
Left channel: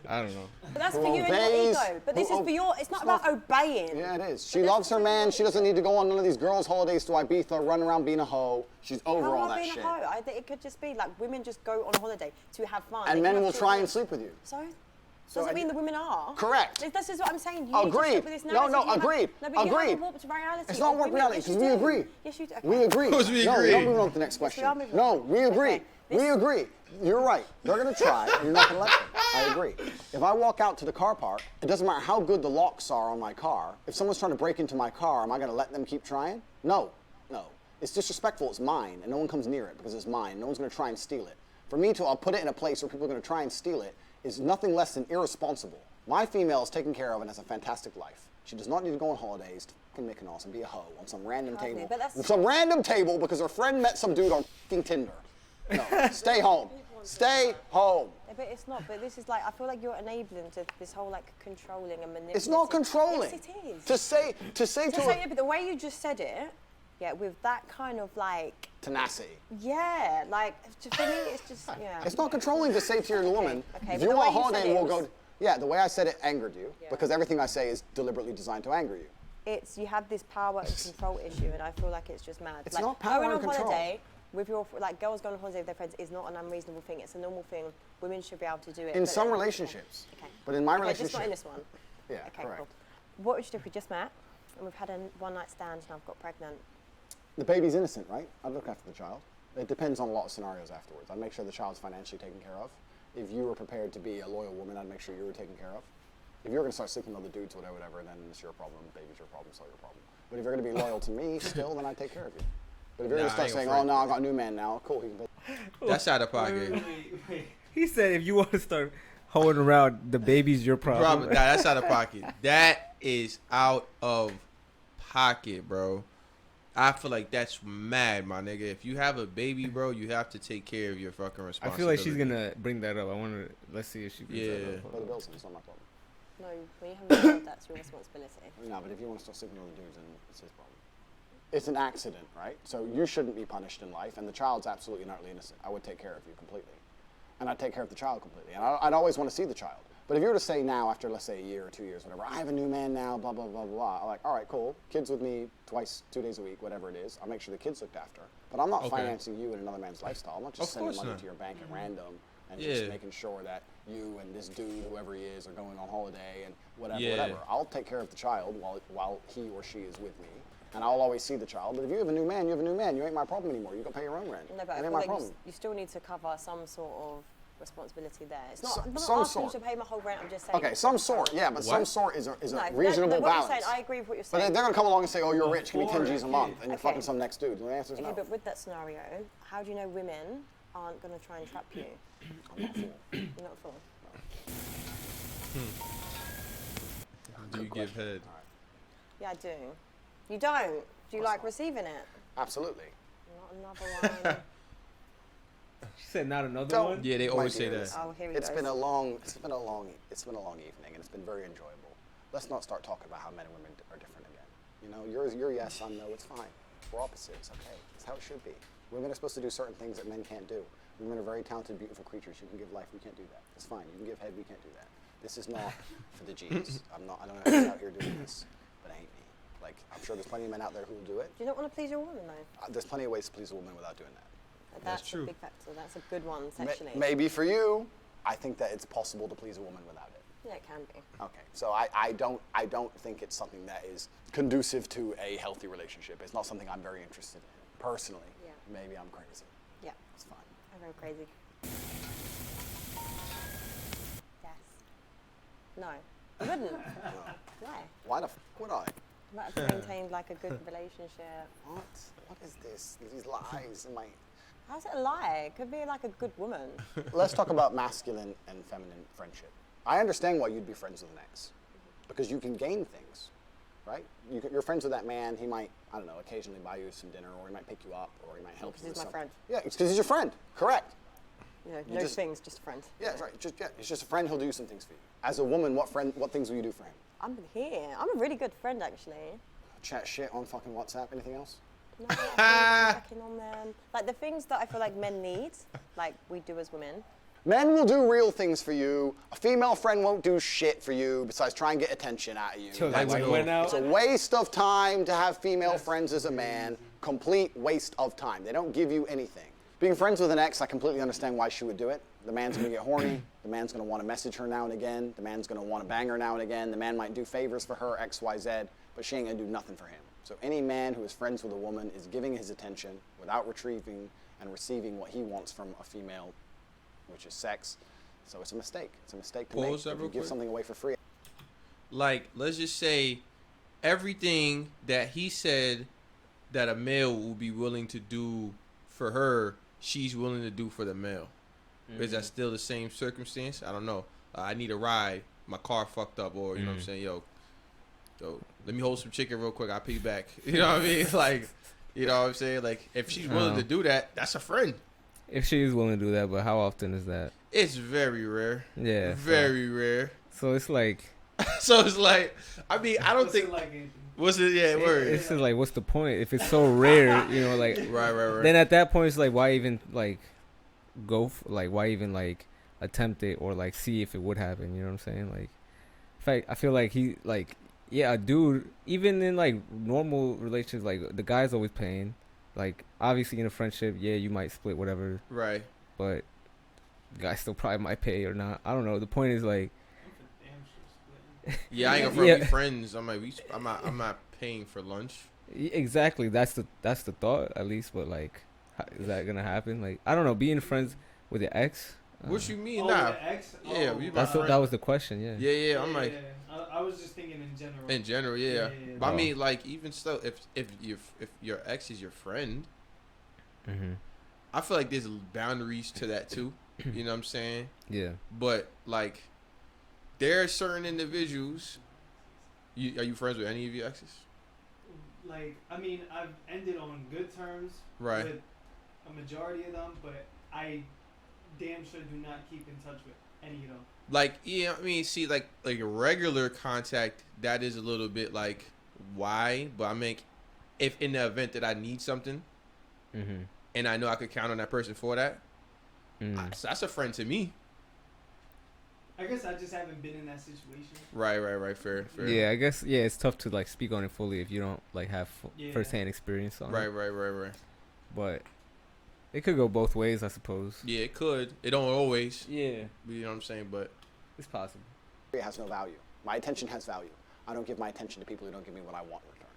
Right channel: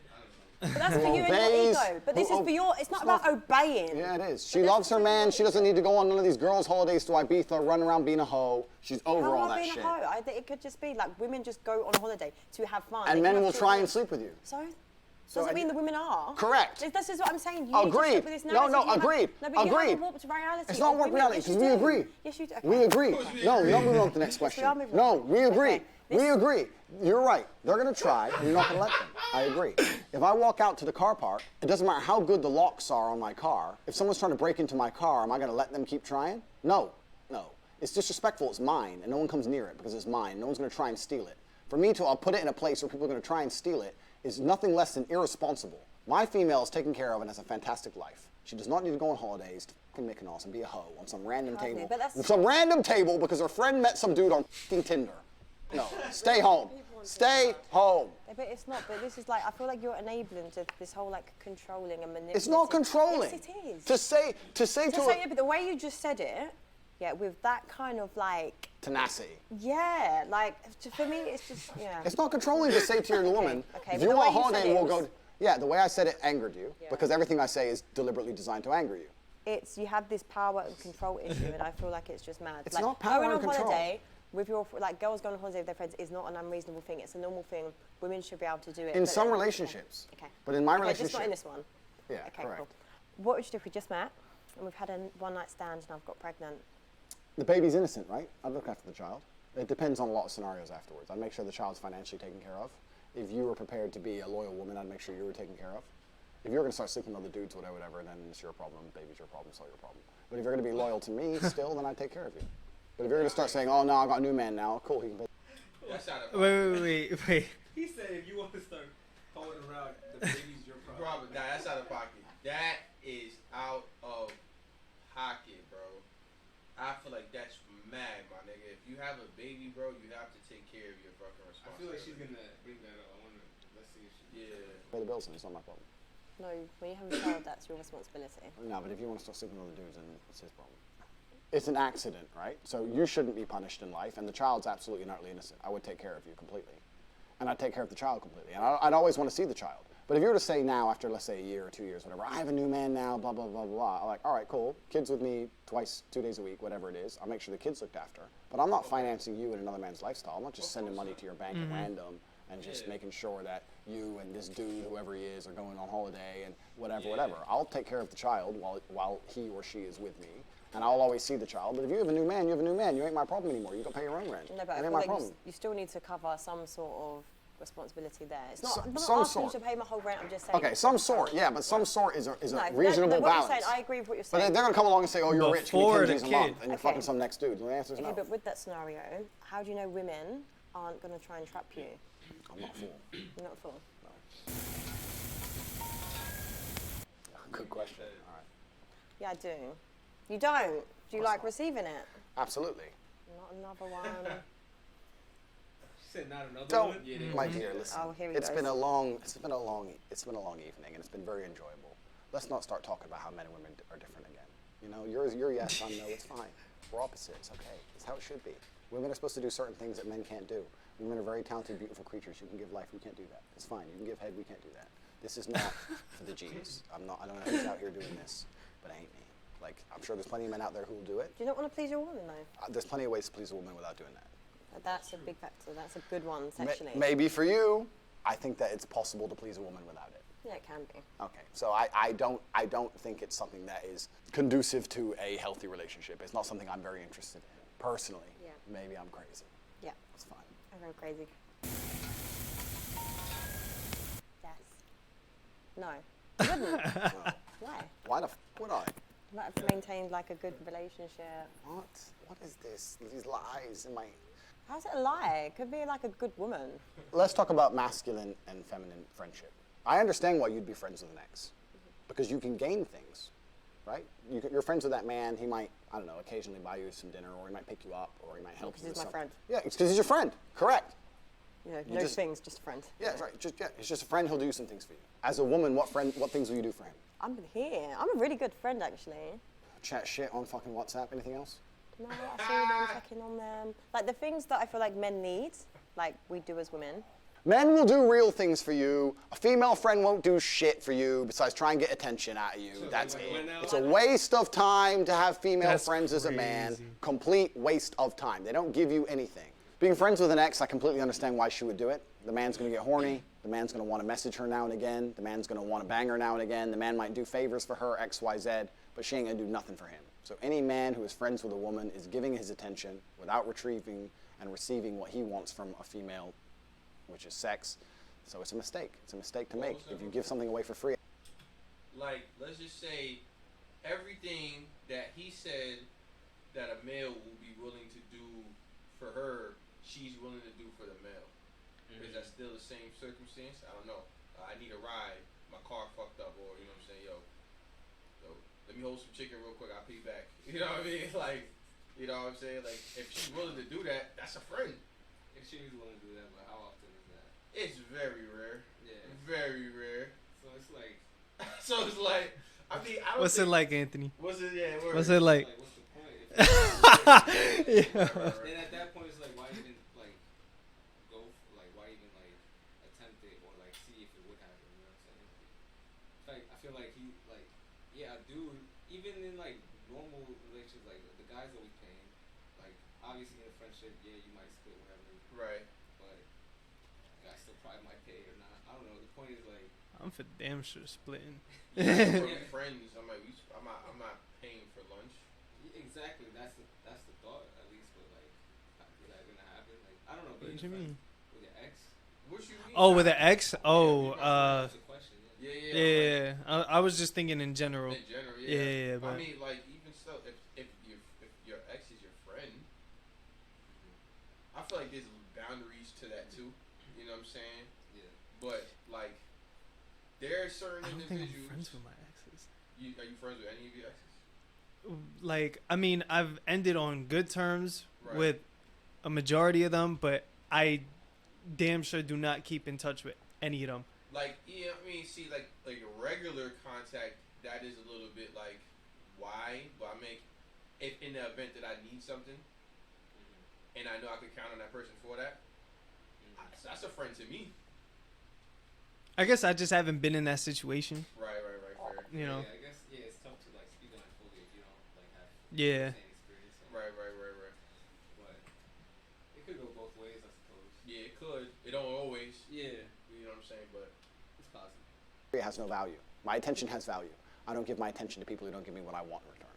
I don't know. But that's Who for you and your obeys, ego. But this who is for your... It's not about obeying. Yeah, it is. She loves her man. She doesn't need to go on none of these girls' holidays to Ibiza, run around being a hoe. She's over How all am I that being shit. a hoe? I think it could just be like women just go on holiday to have fun. And They men have will to- try and sleep with you. So? So Doesn't mean the women are. Correct. This is what I'm saying. You need to Agreed. stick with this No, narrative. You agreed. No, but you Agreed. have a warped reality. It's not of warped women. reality, Yes, 'cause you we do. agree. Yes, you do. Okay. We agree. course we No, agree. you're not moving on to the next Yes, we are question. moving No, on. we agree. Okay. We agree. You're right. They're going to try, and you're not going to let them. I agree. If I walk out to the car park, it doesn't matter how good the locks are on my car. If someone's trying to break into my car, am I going to let them keep trying? No. No. It's disrespectful. It's mine, and no one comes near it because it's mine. No one's going to try and steal it. For me to, I'll put it in a place where people are going to try and steal it is nothing less than irresponsible. My female is taken care of and has a fantastic life. She does not need to go on holidays to fucking Mykonos and be a hoe on some random Hardly, table. but that's- Some random table because her friend met some dude on fucking Tinder. No, stay home. Stay home. Yeah, but it's not. But this is like, I feel like you're enabling to this whole like controlling and manipulating. It's not controlling. Yes, it is. To say Yeah, but the way you just said it, yeah, with that kind of like, tenacity. yeah, like for me, it's just yeah. It's not controlling to say to your woman, okay, if but you the want a way you said holiday, it we'll was- go. Yeah, the way I said it angered you Yeah. because everything I say is deliberately designed to anger you. It's you have this power and control issue, and I feel like it's just mad. It's like, not power going and on control. holiday with your like girls going on holiday with their friends is not an unreasonable thing. It's a normal thing. Women should be able to do it. In but some then- relationships. Okay. But in my okay, relationship. just not in this one. Yeah, Okay, correct. cool. What would you do if we just met and we've had a one-night stand and I've got pregnant? The baby's innocent, right? I'd look after the child. It depends on a lot of scenarios afterwards. I'd make sure the child's financially taken care of. If you were prepared to be a loyal woman, I'd make sure you were taken care of. If you're going to start sleeping with other dudes, whatever, then it's your problem. Baby's your problem, it's all your problem. But if you're going to be loyal to me still, then I'd take care of you. But if you're going to start saying, oh, no, I got a new man now, cool, he can pay. That's out of pocket. Wait. He said if you want to start holding around, the baby's your problem. Nah, that's out of pocket. That is out of pocket, bro. I feel like that's mad, my nigga. If you have a baby, bro, you have to take care of your fucking I responsibility. feel like she's gonna bring that up. I want to. Let's see if she brings that up. Pay the bills, and it's not my problem. No, when you have a child, that's your responsibility. No, but if you want to start sleeping with other dudes, then it's his problem. It's an accident, right? So you shouldn't be punished in life, and the child's absolutely and utterly innocent. I would take care of you completely. And I'd take care of the child completely. And I'd always want to see the child. But if you were to say now, after let's say a year or 2 years, whatever, I have a new man now, blah, blah, blah, blah, I'm like, all right, cool. Kids with me twice, 2 days a week, whatever it is. I'll make sure the kid's looked after. But I'm not financing you in another man's lifestyle. I'm not just Of sending course money not. to your bank at random and just making sure that you and this dude, whoever he is, are going on holiday and whatever. I'll take care of the child while he or she is with me. And I'll always see the child. But if you have a new man, you have a new man. You ain't my problem anymore. You got to pay your own rent. No, but That I ain't feel my like problem. you still need to cover some sort of responsibility there. It's not, I'm not Some asking sort. you to pay my whole rent, I'm just saying. Okay, some sort, yeah, but some sort is a No, reasonable what balance. You're saying, I agree with what you're But saying. they're going to come along and say, oh, you're rich, give me 10 Before G's the a month, kid. and you're Okay. fucking some next dude. And the answer is Okay, no. but with that scenario, how do you know women aren't going to try and trap you? I'm not a fool. You're not a fool. You give head. All right. Yeah, I do. You don't? Do you like receiving it? Absolutely. Not another one. She said not another one? Yeah, they always say that. Oh, here we It's go. been a long evening, and it's been very enjoyable. Let's not start talking about how men and women are different again. You know, you're yes, I'm no, it's fine. We're opposites, okay? It's how it should be. Women are supposed to do certain things that men can't do. Women are very talented, beautiful creatures. You can give life, we can't do that. It's fine. You can give head, we can't do that. This is not for the G's. I don't know who's out here doing this, but it ain't me. Like, I'm sure there's plenty of men out there who will do it. Do you not want to please your woman, though? There's plenty of ways to please a woman without doing that. That's a big factor. That's a good one, sexually. Maybe for you, I think that it's possible to please a woman without it. Yeah, it can be. Okay, so I don't think it's something that is conducive to a healthy relationship. It's not something I'm very interested in, personally. Yeah. Maybe I'm crazy. Yeah. It's fine. I'm very crazy. Yes. No. You wouldn't. No. Why? Why the f would I? Like to maintain like a good relationship. What? What is this? These lies in my... How's it a lie? It could be like a good woman. Let's talk about masculine and feminine friendship. I understand why you'd be friends with an ex, because you can gain things, right? You're friends with that man. He might, I don't know, occasionally buy you some dinner, or he might pick you up, or he might help you with something. Because he's my friend. Yeah, it's because he's your friend. Correct. You know, no things, just a friend. Yeah, right. It's just a friend. He'll do some things for you. As a woman, what things will you do for him? I'm here. I'm a really good friend, actually. Chat shit on fucking WhatsApp. Anything else? No, I'm checking on them. Like the things that I feel like men need, like we do as women. Men will do real things for you. A female friend won't do shit for you besides try and get attention out of you. It's a waste of time to have female friends as a man. Complete waste of time. They don't give you anything. Being friends with an ex, I completely understand why she would do it. The man's gonna get horny. The man's gonna want to message her now and again. The man's gonna want to bang her now and again. The man might do favors for her, X, Y, Z, but she ain't gonna do nothing for him. So any man who is friends with a woman is giving his attention without retrieving and receiving what he wants from a female, which is sex. So it's a mistake. It's a mistake to make if you give something away for free. Like, let's just say everything that he said that a male will be willing to do for her, she's willing to do for the male. Mm-hmm. Is that still the same circumstance? I don't know. I need a ride. My car fucked up, or you know what I'm saying, yo, let me hold some chicken real quick. I'll pay you back. You know what I mean? Like, you know what I'm saying? Like, if she's willing to do that, that's a friend. If she is willing to do that, but how often is that? It's very rare. Yeah. Very rare. So it's like. So it's like, I mean, I don't think. What's it like, Anthony? What's it? Yeah, word. What's it like? What's the point? If it's so rare, you know, like. Right. Then at that point, it's like, why even like go? Why even like attempt it or like see if it would happen? You know what I'm saying? Like, in fact, I feel like he like. Yeah, a dude, even in like normal relationships, like the guy's always paying. Like obviously in a friendship, yeah, you might split whatever. Right. But the guy still probably might pay or not. I don't know. The point is like. I'm for damn sure splitting. Yeah, I ain't gonna be friends. I'm like, I'm not paying for lunch. Exactly. That's the thought at least. But like, is that gonna happen? Like, I don't know. Being friends with your ex. What you mean? Oh, with an ex? Oh, yeah, that was the question. Yeah. Yeah. I was just thinking in general. In general, yeah. But I mean, like, even still, if your ex is your friend, I feel like there's boundaries to that too. You know what I'm saying? Yeah. But like, there are certain individuals. Are you friends with any of your exes? Like, I mean, I've ended on good terms right. with a majority of them, but I damn sure do not keep in touch with any of them. Like, yeah, I mean, see, like a regular contact, that is a little bit like, why? But I mean, if in the event that I need something, and I know I could count on that person for that, that's a friend to me. I guess I just haven't been in that situation. Right. Fair. Yeah, I guess, yeah, it's tough to, like, speak on it fully if you don't, like, have first-hand experience on it. Right. But it could go both ways, I suppose. Yeah, it could. It don't always. Yeah. You know what I'm saying? But it's possible. It has no value. My attention has value. I don't give my attention to people who don't give me what I want in return.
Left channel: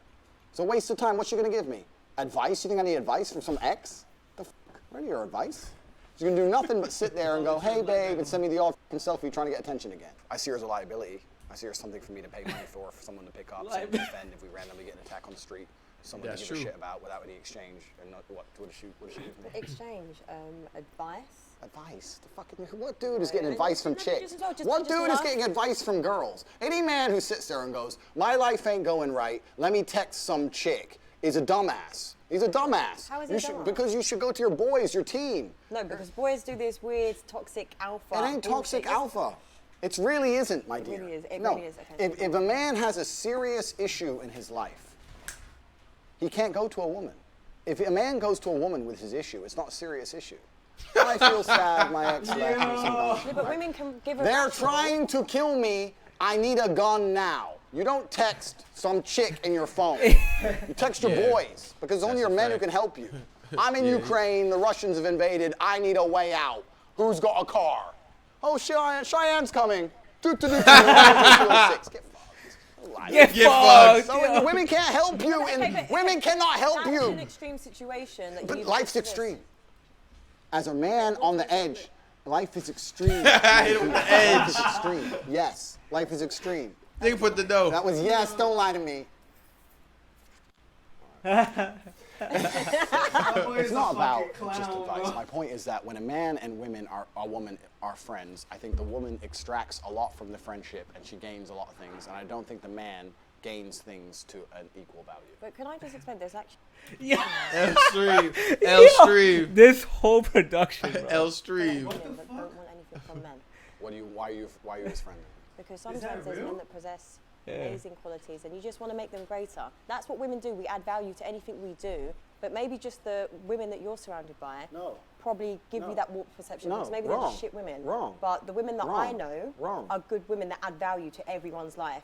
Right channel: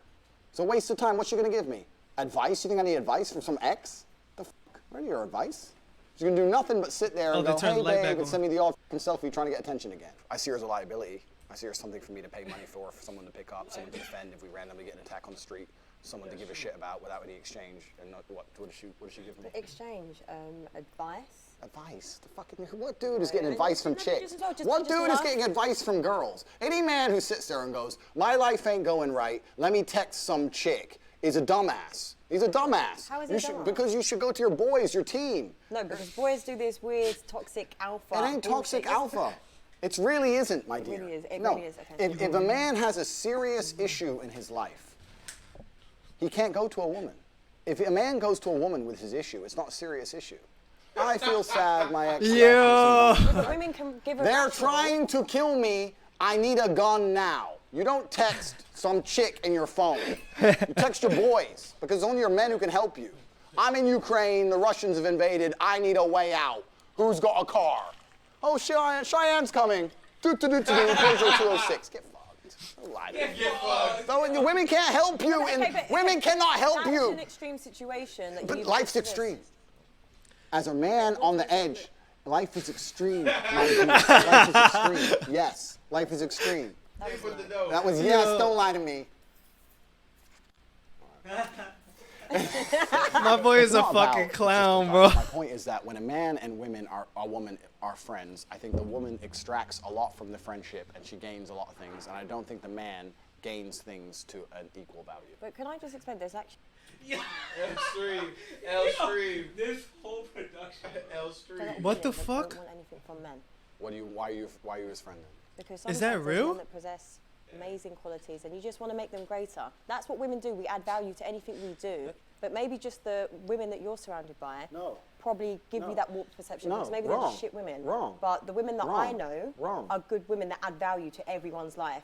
It's a waste of time. What you gonna give me? Advice? You think I need advice from some ex? The fuck? Where's your advice? You're gonna do nothing but sit there and go, hey babe, and send me the old selfie trying to get attention again. I see her as a liability. I see her as something for me to pay money for someone to pick up, someone to defend if we randomly get an attack on the street, someone to give a shit about without any exchange. And what does she give me? Exchange, advice. Advice? What dude is getting advice from chicks? What just dude is getting advice from girls? Any man who sits there and goes, my life ain't going right, let me text some chick, is a dumbass. He's a dumbass. How is he dumbass? Because you should go to your boys, your team. No, because boys do this weird toxic alpha. It ain't toxic alpha. It really isn't, my dear. It really is. It no. really is. Okay. If a man has a serious issue in his life, he can't go to a woman. If a man goes to a woman with his issue, it's not a serious issue. I feel sad, my ex left me. Yeah, but women can give a They're trying to kill me. I need a gun now. You don't text some chick in your phone. You text your boys, because it's only your men who can help you. I'm in Ukraine. The Russians have invaded. I need a way out. Who's got a car? Oh, Cheyenne's coming. 206. Get fucked. Get fucked. So the women can't help you. Women cannot help you. That's an extreme situation. But life's extreme. As a man on the edge, life is extreme. Life is extreme. Yes, life is extreme. They put the dough. That was yes. Don't lie to me. My boy is a fucking clown, bro. My point is that when a man and a woman are friends, I think the woman extracts a lot from the friendship and she gains a lot of things, and I don't think the man gains things to an equal value. But can I just explain? There's actually. Yeah. L stream. This whole production. Bro. L stream. What the But fuck? don't want anything from men. Why are you his friend then? Because Is sometimes that there's real? men that possess amazing qualities, and you just want to make them greater. That's what women do. We add value to anything we do, but maybe just the women that you're surrounded by probably give you that warped perception. No, because maybe wrong. they're just shit women. Wrong. But the women that Wrong. I know Wrong. are good women that add value to everyone's life.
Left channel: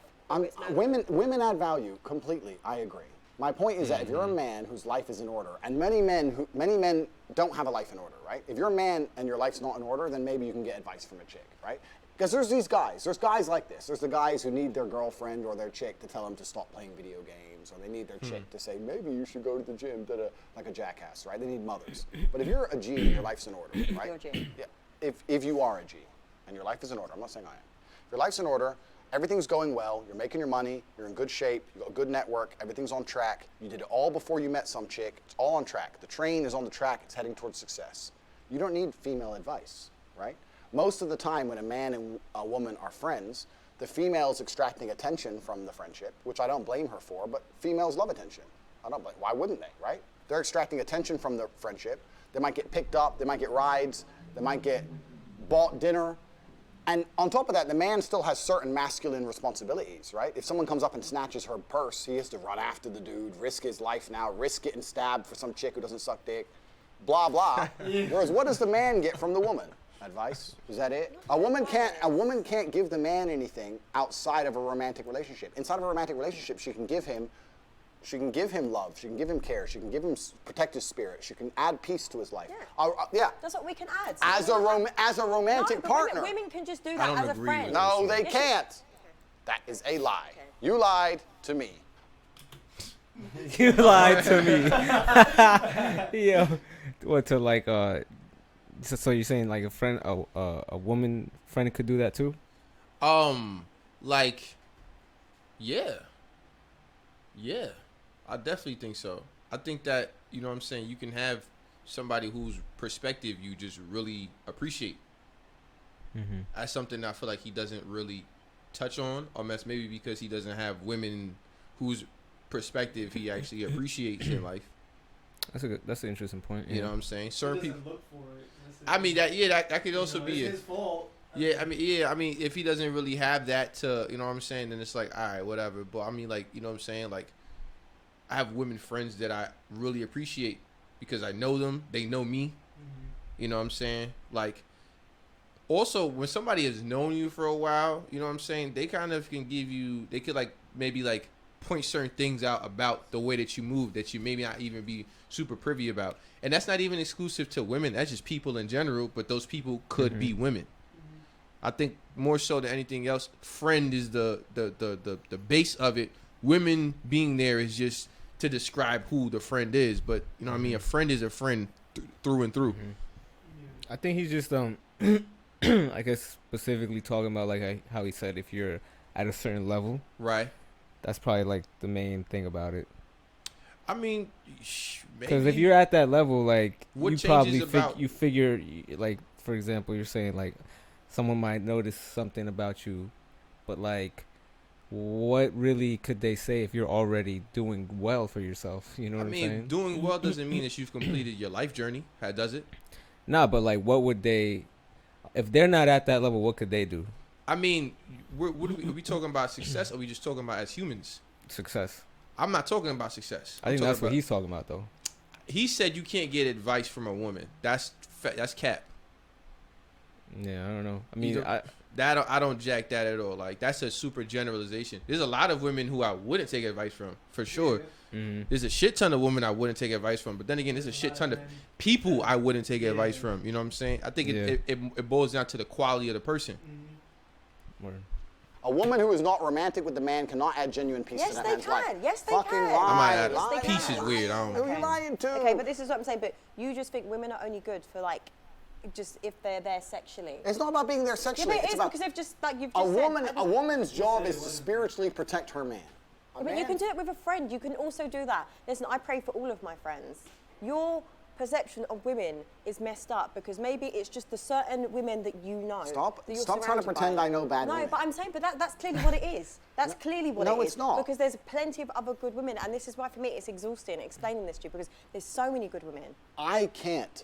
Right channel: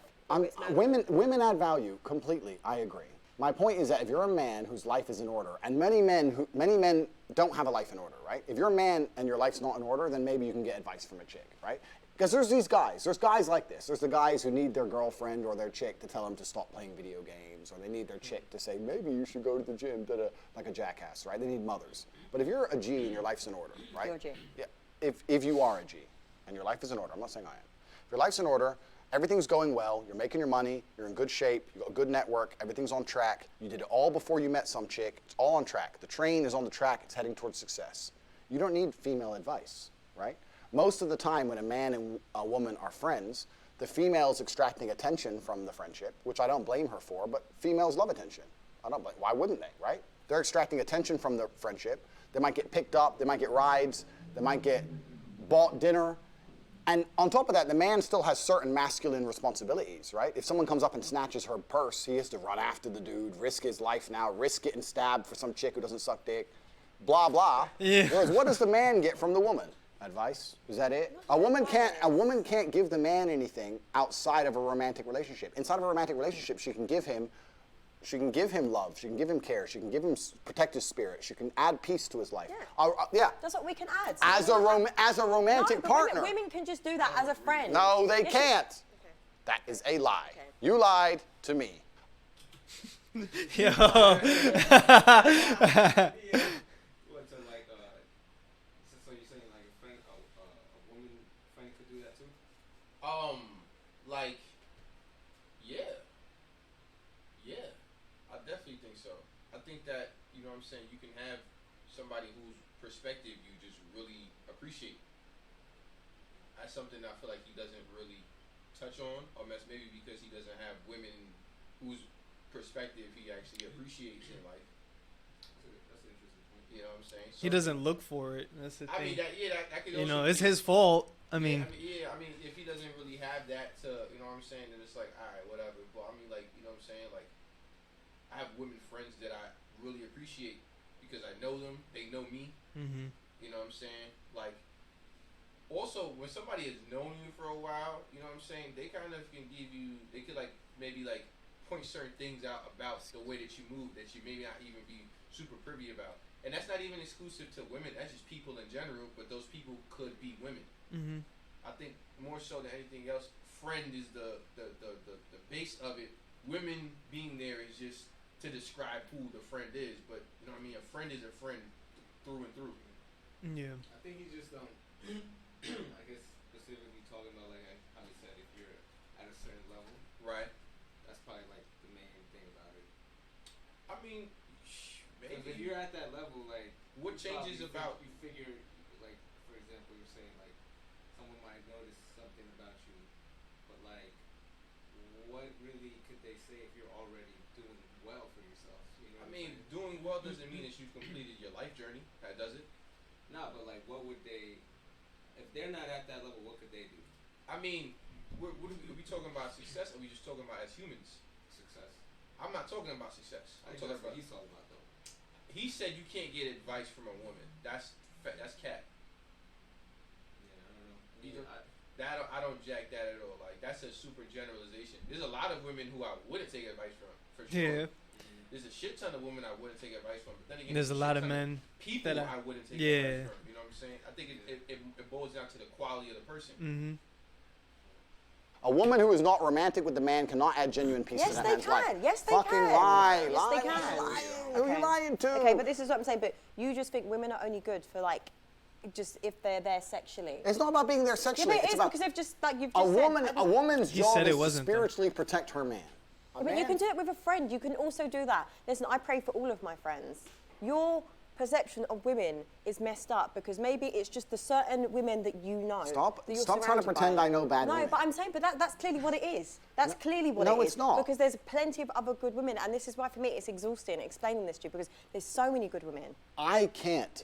Women add value completely. I agree. My point is that if you're a man whose life is in order, and many men don't have a life in order, right? If you're a man and your life's not in order, then maybe you can get advice from a chick, right? Because there's these guys. There's guys like this. There's the guys who need their girlfriend or their chick to tell them to stop playing video games, or they need their chick to say, maybe you should go to the gym, like a jackass, right? They need mothers. But if you're a G and your life's in order, right? You're a G. Yeah. If you are a G and your life is in order, I'm not saying I am. If your life's in order, everything's going well, you're making your money, you're in good shape, you've got a good network, everything's on track, you did it all before you met some chick, it's all on track. The train is on the track, it's heading towards success. You don't need female advice, right? Most of the time when a man and a woman are friends, the female is extracting attention from the friendship, which I don't blame her for, but females love attention. I don't blame, why wouldn't they, right? They're extracting attention from the friendship. They might get picked up, they might get rides, they might get bought dinner. And on top of that, the man still has certain masculine responsibilities, right? If someone comes up and snatches her purse, he has to run after the dude, risk his life now, risk getting stabbed for some chick who doesn't suck dick, blah, blah. Whereas what does the man get from the woman? Advice? Is that it? A woman can't give the man anything outside of a romantic relationship. Inside of a romantic relationship, she can give him love, she can give him care, she can give him protect his spirit, she can add peace to his life. Yeah. That's what we can add. As a romantic partner. Women can just do that as a friend. No, they can't. Okay. That is a lie. Okay. You lied to me. You lied to me. Yeah. What, to like so you're saying like a friend, a woman friend could do that too? Like, yeah, I definitely think so. I think that, you know what I'm saying, you can have somebody whose perspective you just really appreciate. Mm-hmm. That's something I feel like he doesn't really touch on, or maybe because he doesn't have women whose perspective he actually appreciates in life. That's an interesting point. You know what I'm saying? He doesn't look for it. I mean, that could also be it's his fault. I mean, if he doesn't really have that to, you know what I'm saying, then it's like, all right, whatever. But I mean, like, you know what I'm saying? Like, I have women friends that I really appreciate because I know them. They know me. Mm-hmm. You know what I'm saying? Like, also, when somebody has known you for a while, you know what I'm saying? They kind of can give you, they could, like, maybe, like, point certain things out about the way that you move that you maybe not even be super privy about. And that's not even exclusive to women. That's just people in general, but those people could be women. Mm-hmm. I think more so than anything else, friend is the base of it. Women being there is just to describe who the friend is, but you know what I mean? A friend is a friend through and through. Mm-hmm. Yeah. I think he's just I guess specifically talking about like how he said if you're at a certain level. Right. That's probably like the main thing about it. I mean, because if you're at that level, like you probably figure like for example, you're saying like someone might notice something about you, but like, what really could they say if you're already doing well for yourself? You know what I'm saying? Doing well doesn't mean that you've completed your life journey. Does it? Nah, but like, what would they, if they're not at that level, what could they do? I mean, are we talking about success, or are we just talking about as humans? Success. I'm not talking about success. I think that's what he's talking about, though. He said you can't get advice from a woman. That's cap. Yeah, I don't know. I mean, I don't jack that at all. Like, that's a super generalization. There's a lot of women who I wouldn't take advice from, for sure. Yeah. Mm-hmm. There's a shit ton of women I wouldn't take advice from, but then again, there's a shit ton of people I wouldn't take advice from. You know what I'm saying? I think it boils down to the quality of the person. Mm-hmm. A woman who is not romantic with the man cannot add genuine peace to that man's life. Yes, they Fucking can. lie. Yes, they Peace can. is weird. Who are you lying to? Okay, but this is what I'm saying. But you just think women are only good for like, just if they're there sexually. It's not about being there sexually. Yeah, but it is because they've just like you've just said. A woman's job is to spiritually protect her man. But you can do it with a friend. You can also do that. Listen, I pray for all of my friends. Your perception of women is messed up because maybe it's just the certain women that you know. Stop trying to pretend I know bad women. No, but I'm saying, that's clearly what it is. That's clearly what it is. No, it's not. Because there's plenty of other good women, and this is why for me it's exhausting explaining this to you because there's so many good women. I can't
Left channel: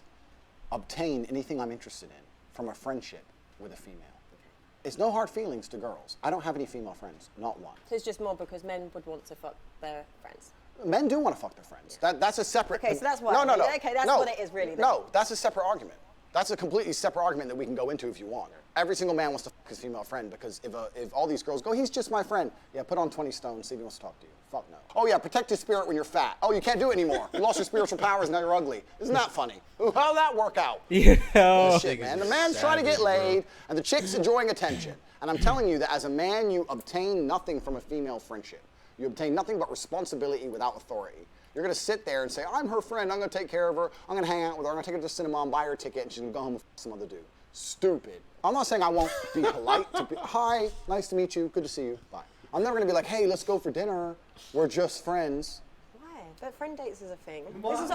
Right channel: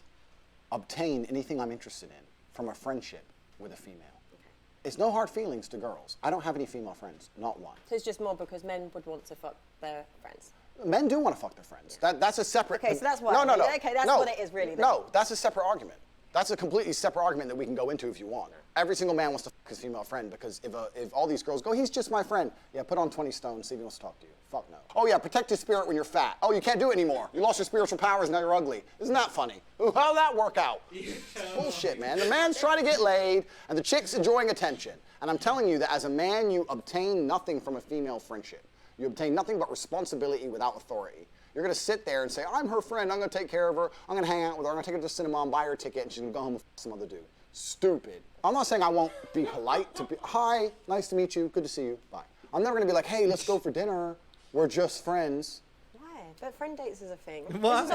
obtain anything I'm interested in from a friendship with a female. Okay. It's no hard feelings to girls. I don't have any female friends, not one. So it's just more because men would want to fuck their friends. Men do want to fuck their friends. Yeah. That's a separate... Okay, so that's what... No. Okay, that's what it is really. Then. No, that's a separate argument. That's a completely separate argument that we can go into if you want. Every single man wants to fuck his female friend because if all these girls go, he's just my friend. Yeah, put on 20 stones, see if he wants to talk to you. Fuck no. Oh yeah, protect your spirit when you're fat. Oh, you can't do it anymore. You lost your spiritual powers, now you're ugly. Isn't that funny? How'd that work out? Yeah. Bullshit, man. The man's trying to get laid, and the chick's enjoying attention. And I'm telling you that as a man, you obtain nothing from a female friendship. You obtain nothing but responsibility without authority. You're going to sit there and say, I'm her friend, I'm going to take care of her, I'm going to hang out with her, I'm going to take her to the cinema and buy her a ticket, and she's going to go home with some other dude. Stupid. I'm not saying I won't be polite to be, hi, nice to meet you, good to see you, bye. I'm never going to be like, hey, let's go for dinner, we're just friends. But friend dates is a thing. What?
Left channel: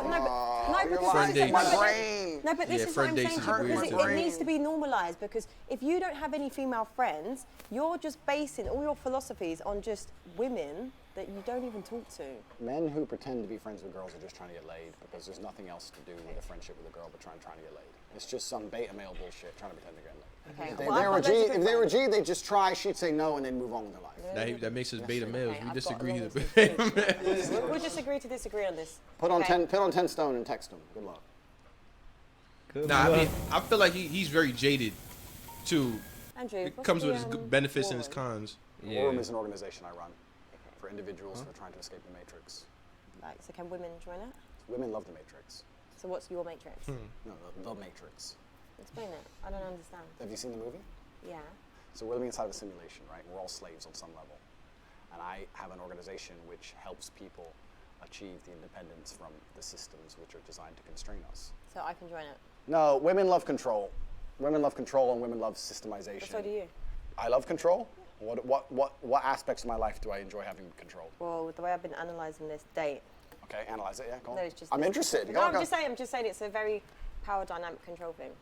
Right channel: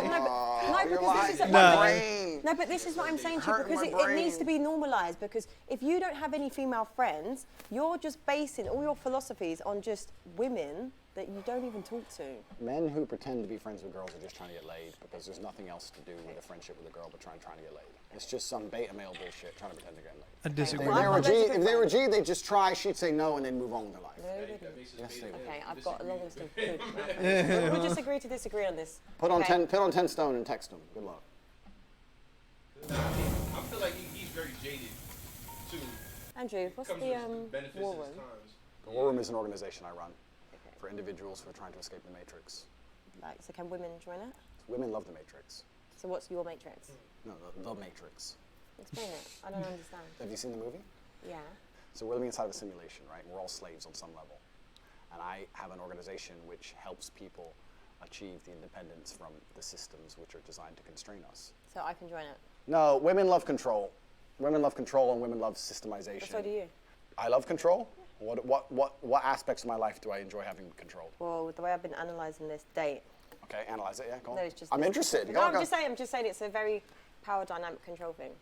This is what I'm saying to you because it needs to be normalised because if you don't have any female friends, you're just basing all your philosophies on just women that you don't even talk to. Men who pretend to be friends with girls are just trying to get laid because there's nothing else to do with a friendship with a girl but trying to get laid. It's just some beta male bullshit trying to pretend to get laid. If they were G, they'd just try, she'd say no, and then move on with their life. That makes us beta male. Okay, we disagree. We'll just agree to disagree on this. Put on 10 stone and text him. Good luck. Nah, I mean, I feel like he's very jaded, too. Andrew, it comes with its benefits and its cons. The War Room is an organization I run for individuals who are trying to escape the Matrix. Right, so can women join it? Women love the Matrix. So what's your Matrix? No, the Matrix. Explain it. I don't understand. Have you seen the movie? Yeah. So we're living inside of a simulation, right? We're all slaves on some level. And I have an organization which helps people achieve the independence from the systems which are designed to constrain us. So I can join it? No, women love control. Women love control and women love systemization. But so do you. I love control? What aspects of my life do I enjoy having control? Well, the way I've been analysing this date. Okay, analyze it, yeah, go on. No, it's just I'm interested. No, I'm just saying it's a very power dynamic control thing.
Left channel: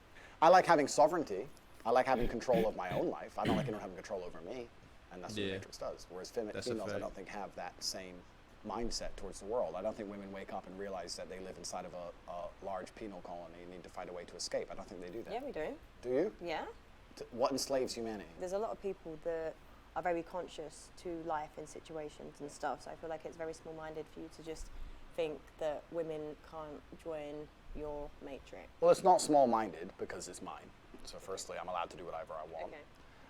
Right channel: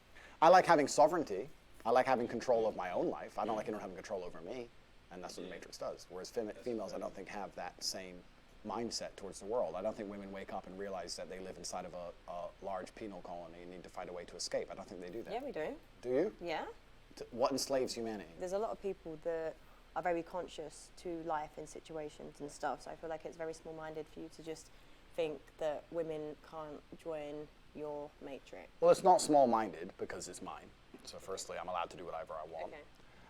I like having sovereignty. I like having control of my own life. I don't like anyone having control over me. And that's what the Matrix does. Whereas females, I don't think, have that same mindset towards the world. I don't think women wake up and realize that they live inside of a large penal colony and need to find a way to escape. I don't think they do that. Yeah, we do. Do you? Yeah. What enslaves humanity? There's a lot of people that are very conscious to life and situations and stuff. So I feel like it's very small-minded for you to just think that women can't join your Matrix. Well, it's not small-minded because it's mine. So firstly, I'm allowed to do whatever I want. Okay.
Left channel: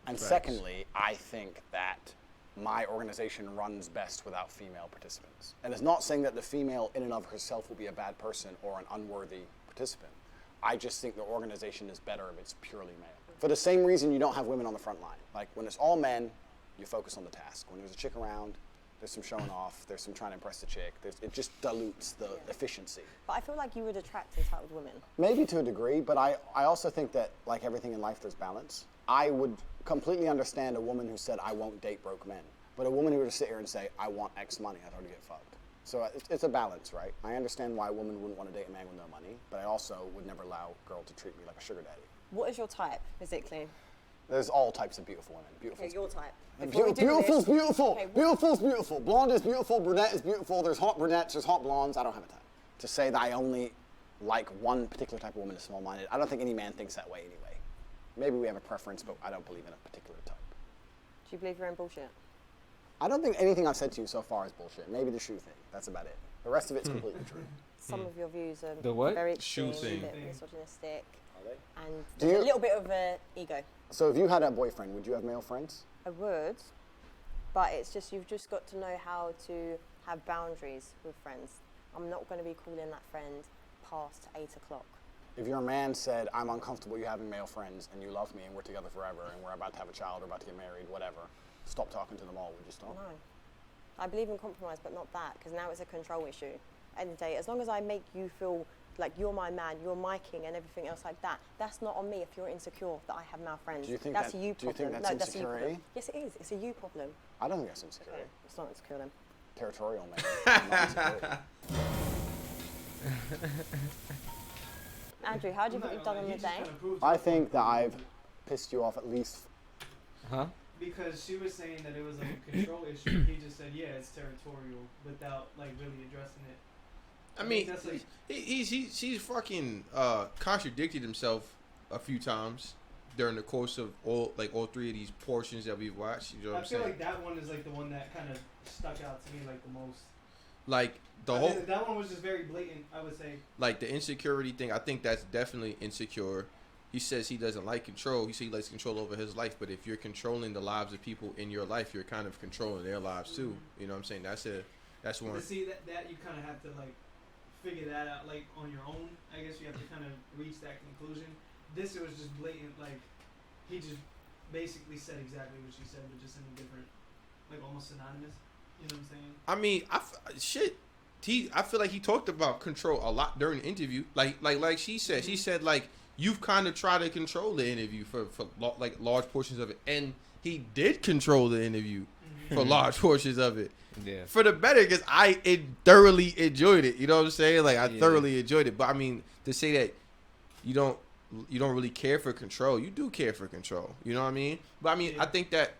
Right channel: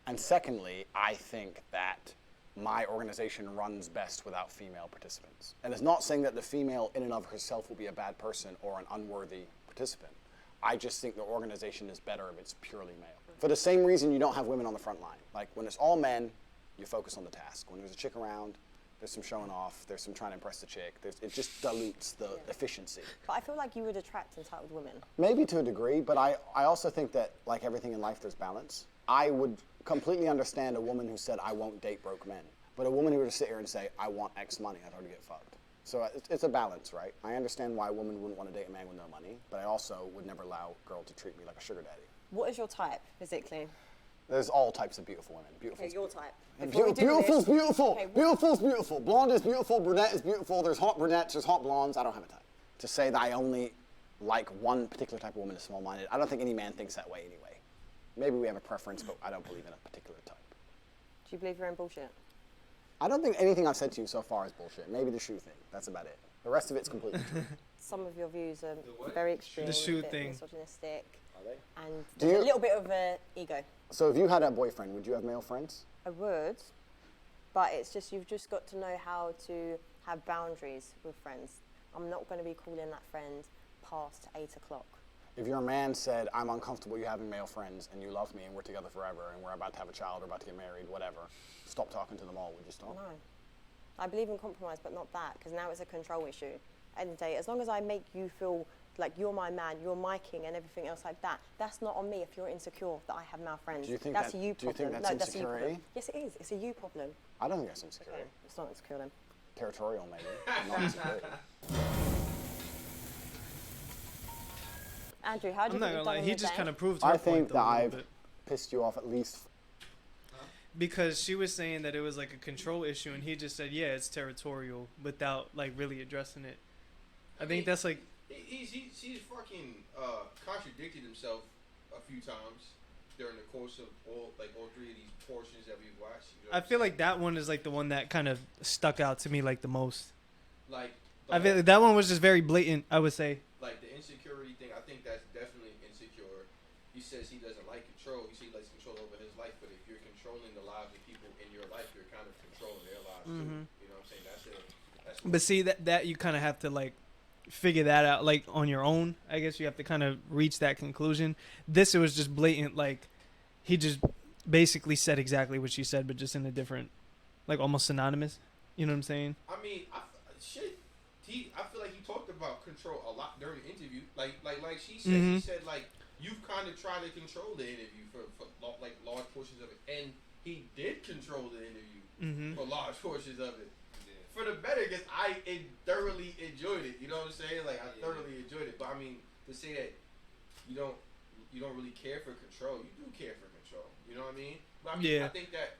And secondly, I think that my organization runs best without female participants. And it's not saying that the female in and of herself will be a bad person or an unworthy participant. I just think the organization is better if it's purely male. For the same reason you don't have women on the front line. Like when it's all men, you focus on the task. When there's a chick around, there's some showing off, there's some trying to impress the chick. It just dilutes the efficiency. But I feel like you would attract entitled women. Maybe to a degree, but I also think that like everything in life, there's balance. I would completely understand a woman who said, I won't date broke men. But a woman who would sit here and say, I want X money, I'd already get fucked. So it's a balance, right? I understand why a woman wouldn't want to date a man with no money, but I also would never allow a girl to treat me like a sugar daddy. What is your type, physically? There's all types of beautiful women. Beautiful. Okay, your type. Beautiful's beautiful. Okay, Beautiful's beautiful. Blonde is beautiful. Brunette is beautiful. There's hot brunettes. There's hot blondes. I don't have a type. To say that I only like one particular type of woman is small-minded. I don't think any man thinks that way anyway. Maybe we have a preference, but I don't believe in a particular type. Do you believe you're in bullshit? I don't think anything I've said to you so far is bullshit. Maybe the shoe thing. That's about it. The rest of it's completely true. Some of your views are The what? very extreme, Shoe a bit thing. misogynistic, Are they? and Do there's you- a little bit of ego. So if you had a boyfriend, would you have male friends? I would, but it's just you've just got to know how to have boundaries with friends. I'm not going to be calling that friend past 8 o'clock. If your man said, I'm uncomfortable you having male friends and you love me and we're together forever and we're about to have a child or about to get married, whatever, stop talking to them all, would you stop? No. I believe in compromise, but not that, because now it's a control issue. End of the day, as long as I make you feel like you're my man, you're my king, and everything else like that, that's not on me if you're insecure that I have male friends. Do you think that's that- a you do you problem. think that's no, that's a you insecurity? problem. Yes, it is. It's a you problem. I don't think that's insecurity. Okay, it's not insecure then. Territorial, maybe. Not insecurity. Andrew, how do you I'm think not you've gonna done lie, on he the just day? kind of proved. I her think point, that though, a little I've bit. pissed you off at least. Huh? Because she was saying that it was like a control issue, and he just said, "Yeah, it's territorial," without like really addressing it. I mean, that's like he's fucking contradicted himself a few times during the course of all three of these portions that we've watched. You know what I I'm feel saying? like that one is like the one that kind of stuck out to me like the most. Like the I whole, feel like that one was just very blatant, I would say. like the insecurity thing. I think that's definitely insecure. He says he doesn't like control. He says he likes control over his life. But if you're controlling the lives of people in your life, you're kind of controlling their lives too. You know what I'm saying? That's one. But see that you kind of have to like figure that out like on your own. I guess you have to kind of reach that conclusion. This it was just blatant, like he just basically said exactly what she said, but just in a different, like almost synonymous. You know what I'm saying? I mean, I feel like he talked about control a lot during the interview. Like she said, she said like you've kind of tried to control the interview for like large portions of it, and he did control the interview for large portions of it. Yeah. For the better, because I thoroughly enjoyed it. You know what I'm saying? Like I thoroughly enjoyed it. But I mean, to say that you don't really care for control, you do care for control. You know what I mean? But I mean, I think that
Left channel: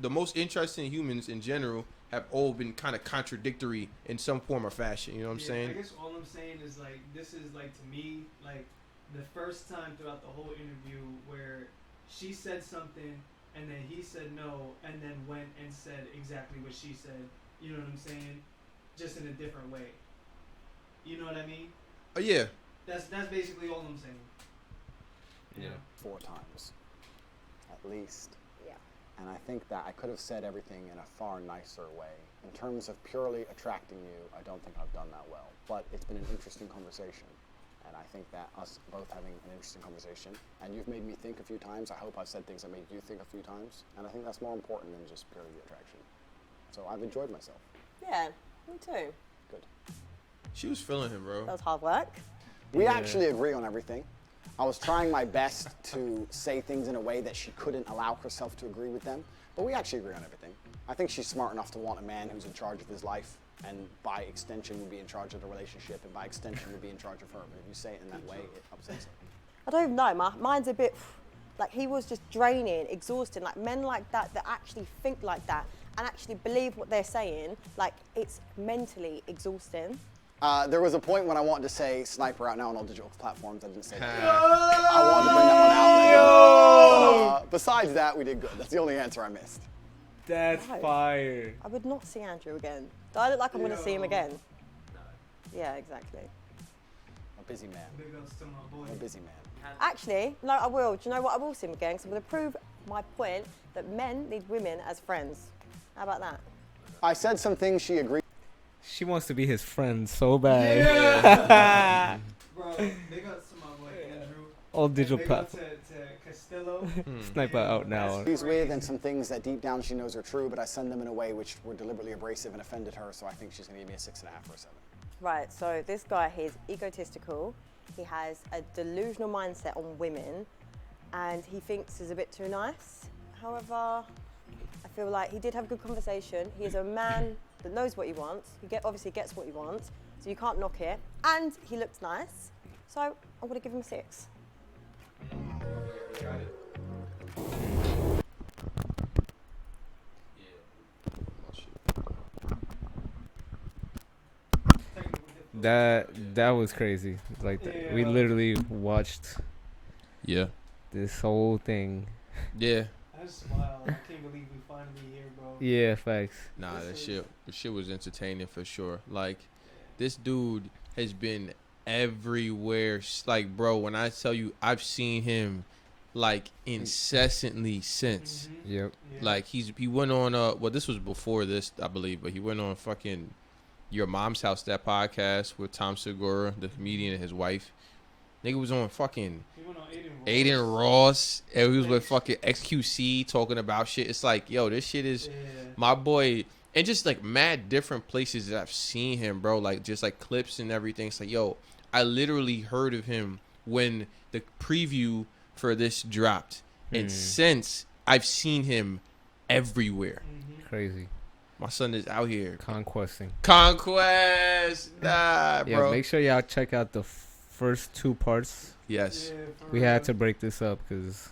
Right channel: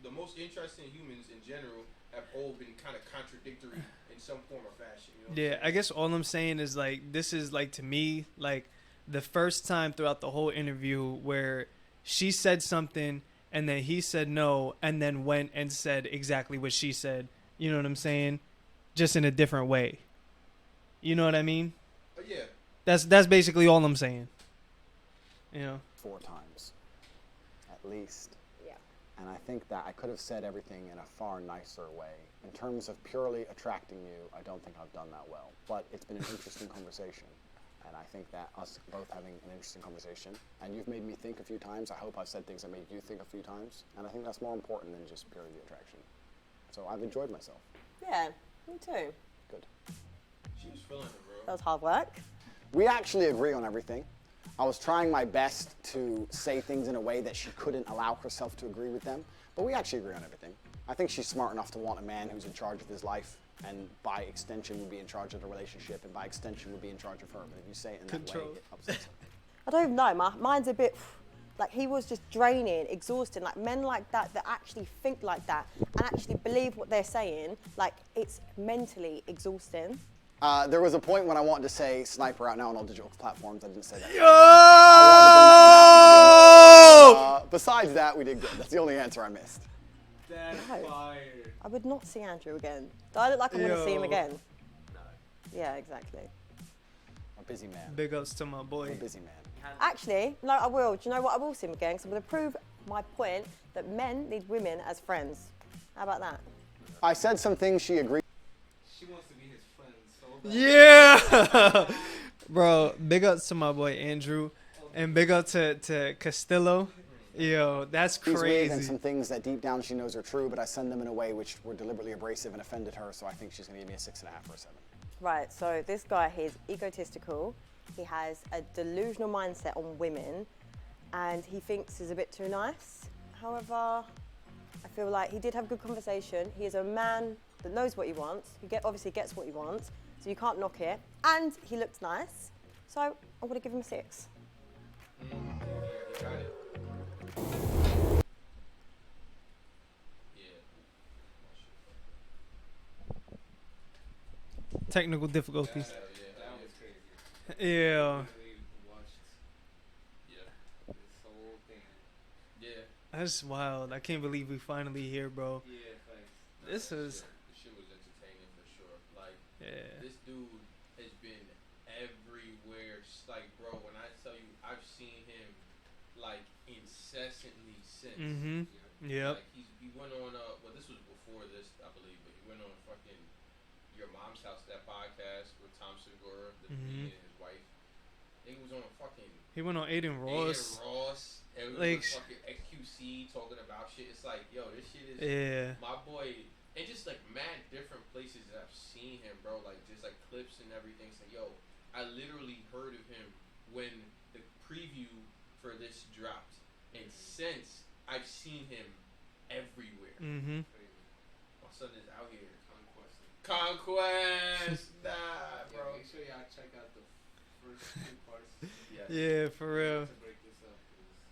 the most interesting humans in general have all been kind of contradictory in some form or fashion. You know what I'm saying? I guess all I'm saying is like this is like to me like the first time throughout the whole interview where she said something and then he said no and then went and said exactly what she said. You know what I'm saying? Just in a different way. You know what I mean? Yeah. That's basically all I'm saying. You know? 4 times, at least. Yeah. And I think that I could have said everything in a far nicer way. In terms of purely attracting you, I don't think I've done that well. But it's been an interesting conversation. And I think that us both having an interesting conversation, and you've made me think a few times. I hope I've said things that made you think a few times. And I think that's more important than just purely the attraction. So I've enjoyed myself. Yeah, me too. Good. She was feeling him, bro. That was hard work. We actually agree on everything. I was trying my best to say things in a way that she couldn't allow herself to agree with them, but we actually agree on everything. I think she's smart enough to want a man who's in charge of his life, and by extension would be in charge of the relationship, and by extension would be in charge of her. But if you say it in that way, it upsets her. I don't know. Mine's a bit like he was just draining, exhausting. Like men like that actually think like that and actually believe what they're saying. Like it's mentally exhausting. There was a point when I wanted to say sniper out now on all digital platforms. I didn't say that. I wanted to bring that one out. Besides that, we did good. That's the only answer I missed. That's No. fire. I would not see Andrew again. Do I look like I'm going to see him again? No. Yeah, exactly. I'm a busy man. Big ups to my boy. I'm a busy man. Actually, no, I will. Do you know what? I will see him again because I'm going to prove my point that men need women as friends. How about that? I said some things she agreed. She wants to be his friend so bad. Yeah! Bro, big ups to my boy Andrew. All And digital big up to Castillo. Sniper Yo, out now. that's He's with, and crazy. some things that deep down she knows are true, but I send them in a way which were deliberately abrasive and offended her, so I think she's going to give me a 6.5 or a 7. Right, so this guy, he's egotistical. He has a delusional mindset on women, and he thinks he's a bit too nice. However, I feel like he did have a good conversation. He is a man that knows what he wants. He obviously gets what he wants, so you can't knock it. And he looked nice, so I'm gonna give him a 6. Technical difficulties. That was crazy. Like we literally watched this whole thing. Yeah. That's wild. I can't believe we finally here, bro. Yeah, facts. Nah, the shit was entertaining for sure. Like, this dude has been everywhere. Like, bro, when I tell you, I've seen him like incessantly since. Mm-hmm. Yep. Yeah. Like he went on well, this was before this, I believe, but he went on fucking Your Mom's House, that podcast with Tom Segura, the comedian, and his wife. Nigga was on fucking. He went on Aiden Ross. And he was with fucking XQC talking about shit. It's like, yo, this shit is my boy. And just like mad different places that I've seen him, bro. Like just like clips and everything. It's like, yo, I literally heard of him when the preview for this dropped. And since I've seen him everywhere. Mm-hmm. Crazy. My son is out here. Conquest. Nah, bro. Yeah, make sure y'all check out the first 2 parts. Yes. Yeah, for we real. had to break this up because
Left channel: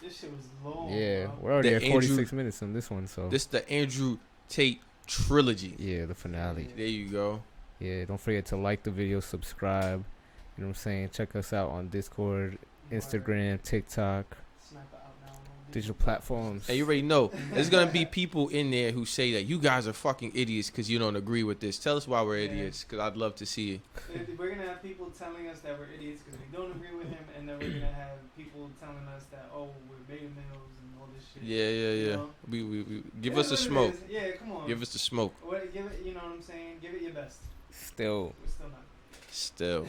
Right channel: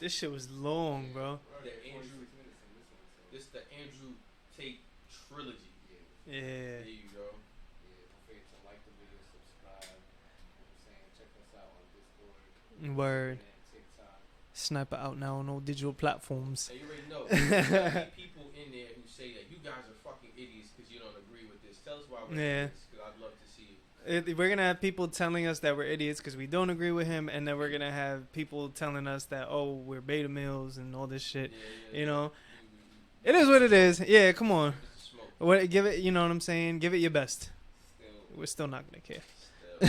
this shit was long, bro. We're already at 46 minutes on this one, so this is the Andrew Tate trilogy. Yeah, the finale. Yeah. There you go. Yeah, don't forget to like the video, subscribe. You know what I'm saying? Check us out on Discord, Instagram, TikTok. Sniper out now on all digital platforms. And you already know there's gonna be people in there who say that you guys are fucking idiots because you don't agree with this. Tell us why we're idiots, because I'd love to see it. We're gonna have people telling us that we're idiots because we don't agree with him, and then we're gonna have people telling us that we're beta males and all this shit. Yeah. You know, we it is what it is. Yeah, come on. Give us the smoke. Give it. You know what I'm saying? Give it your best. We're still not gonna care. Still.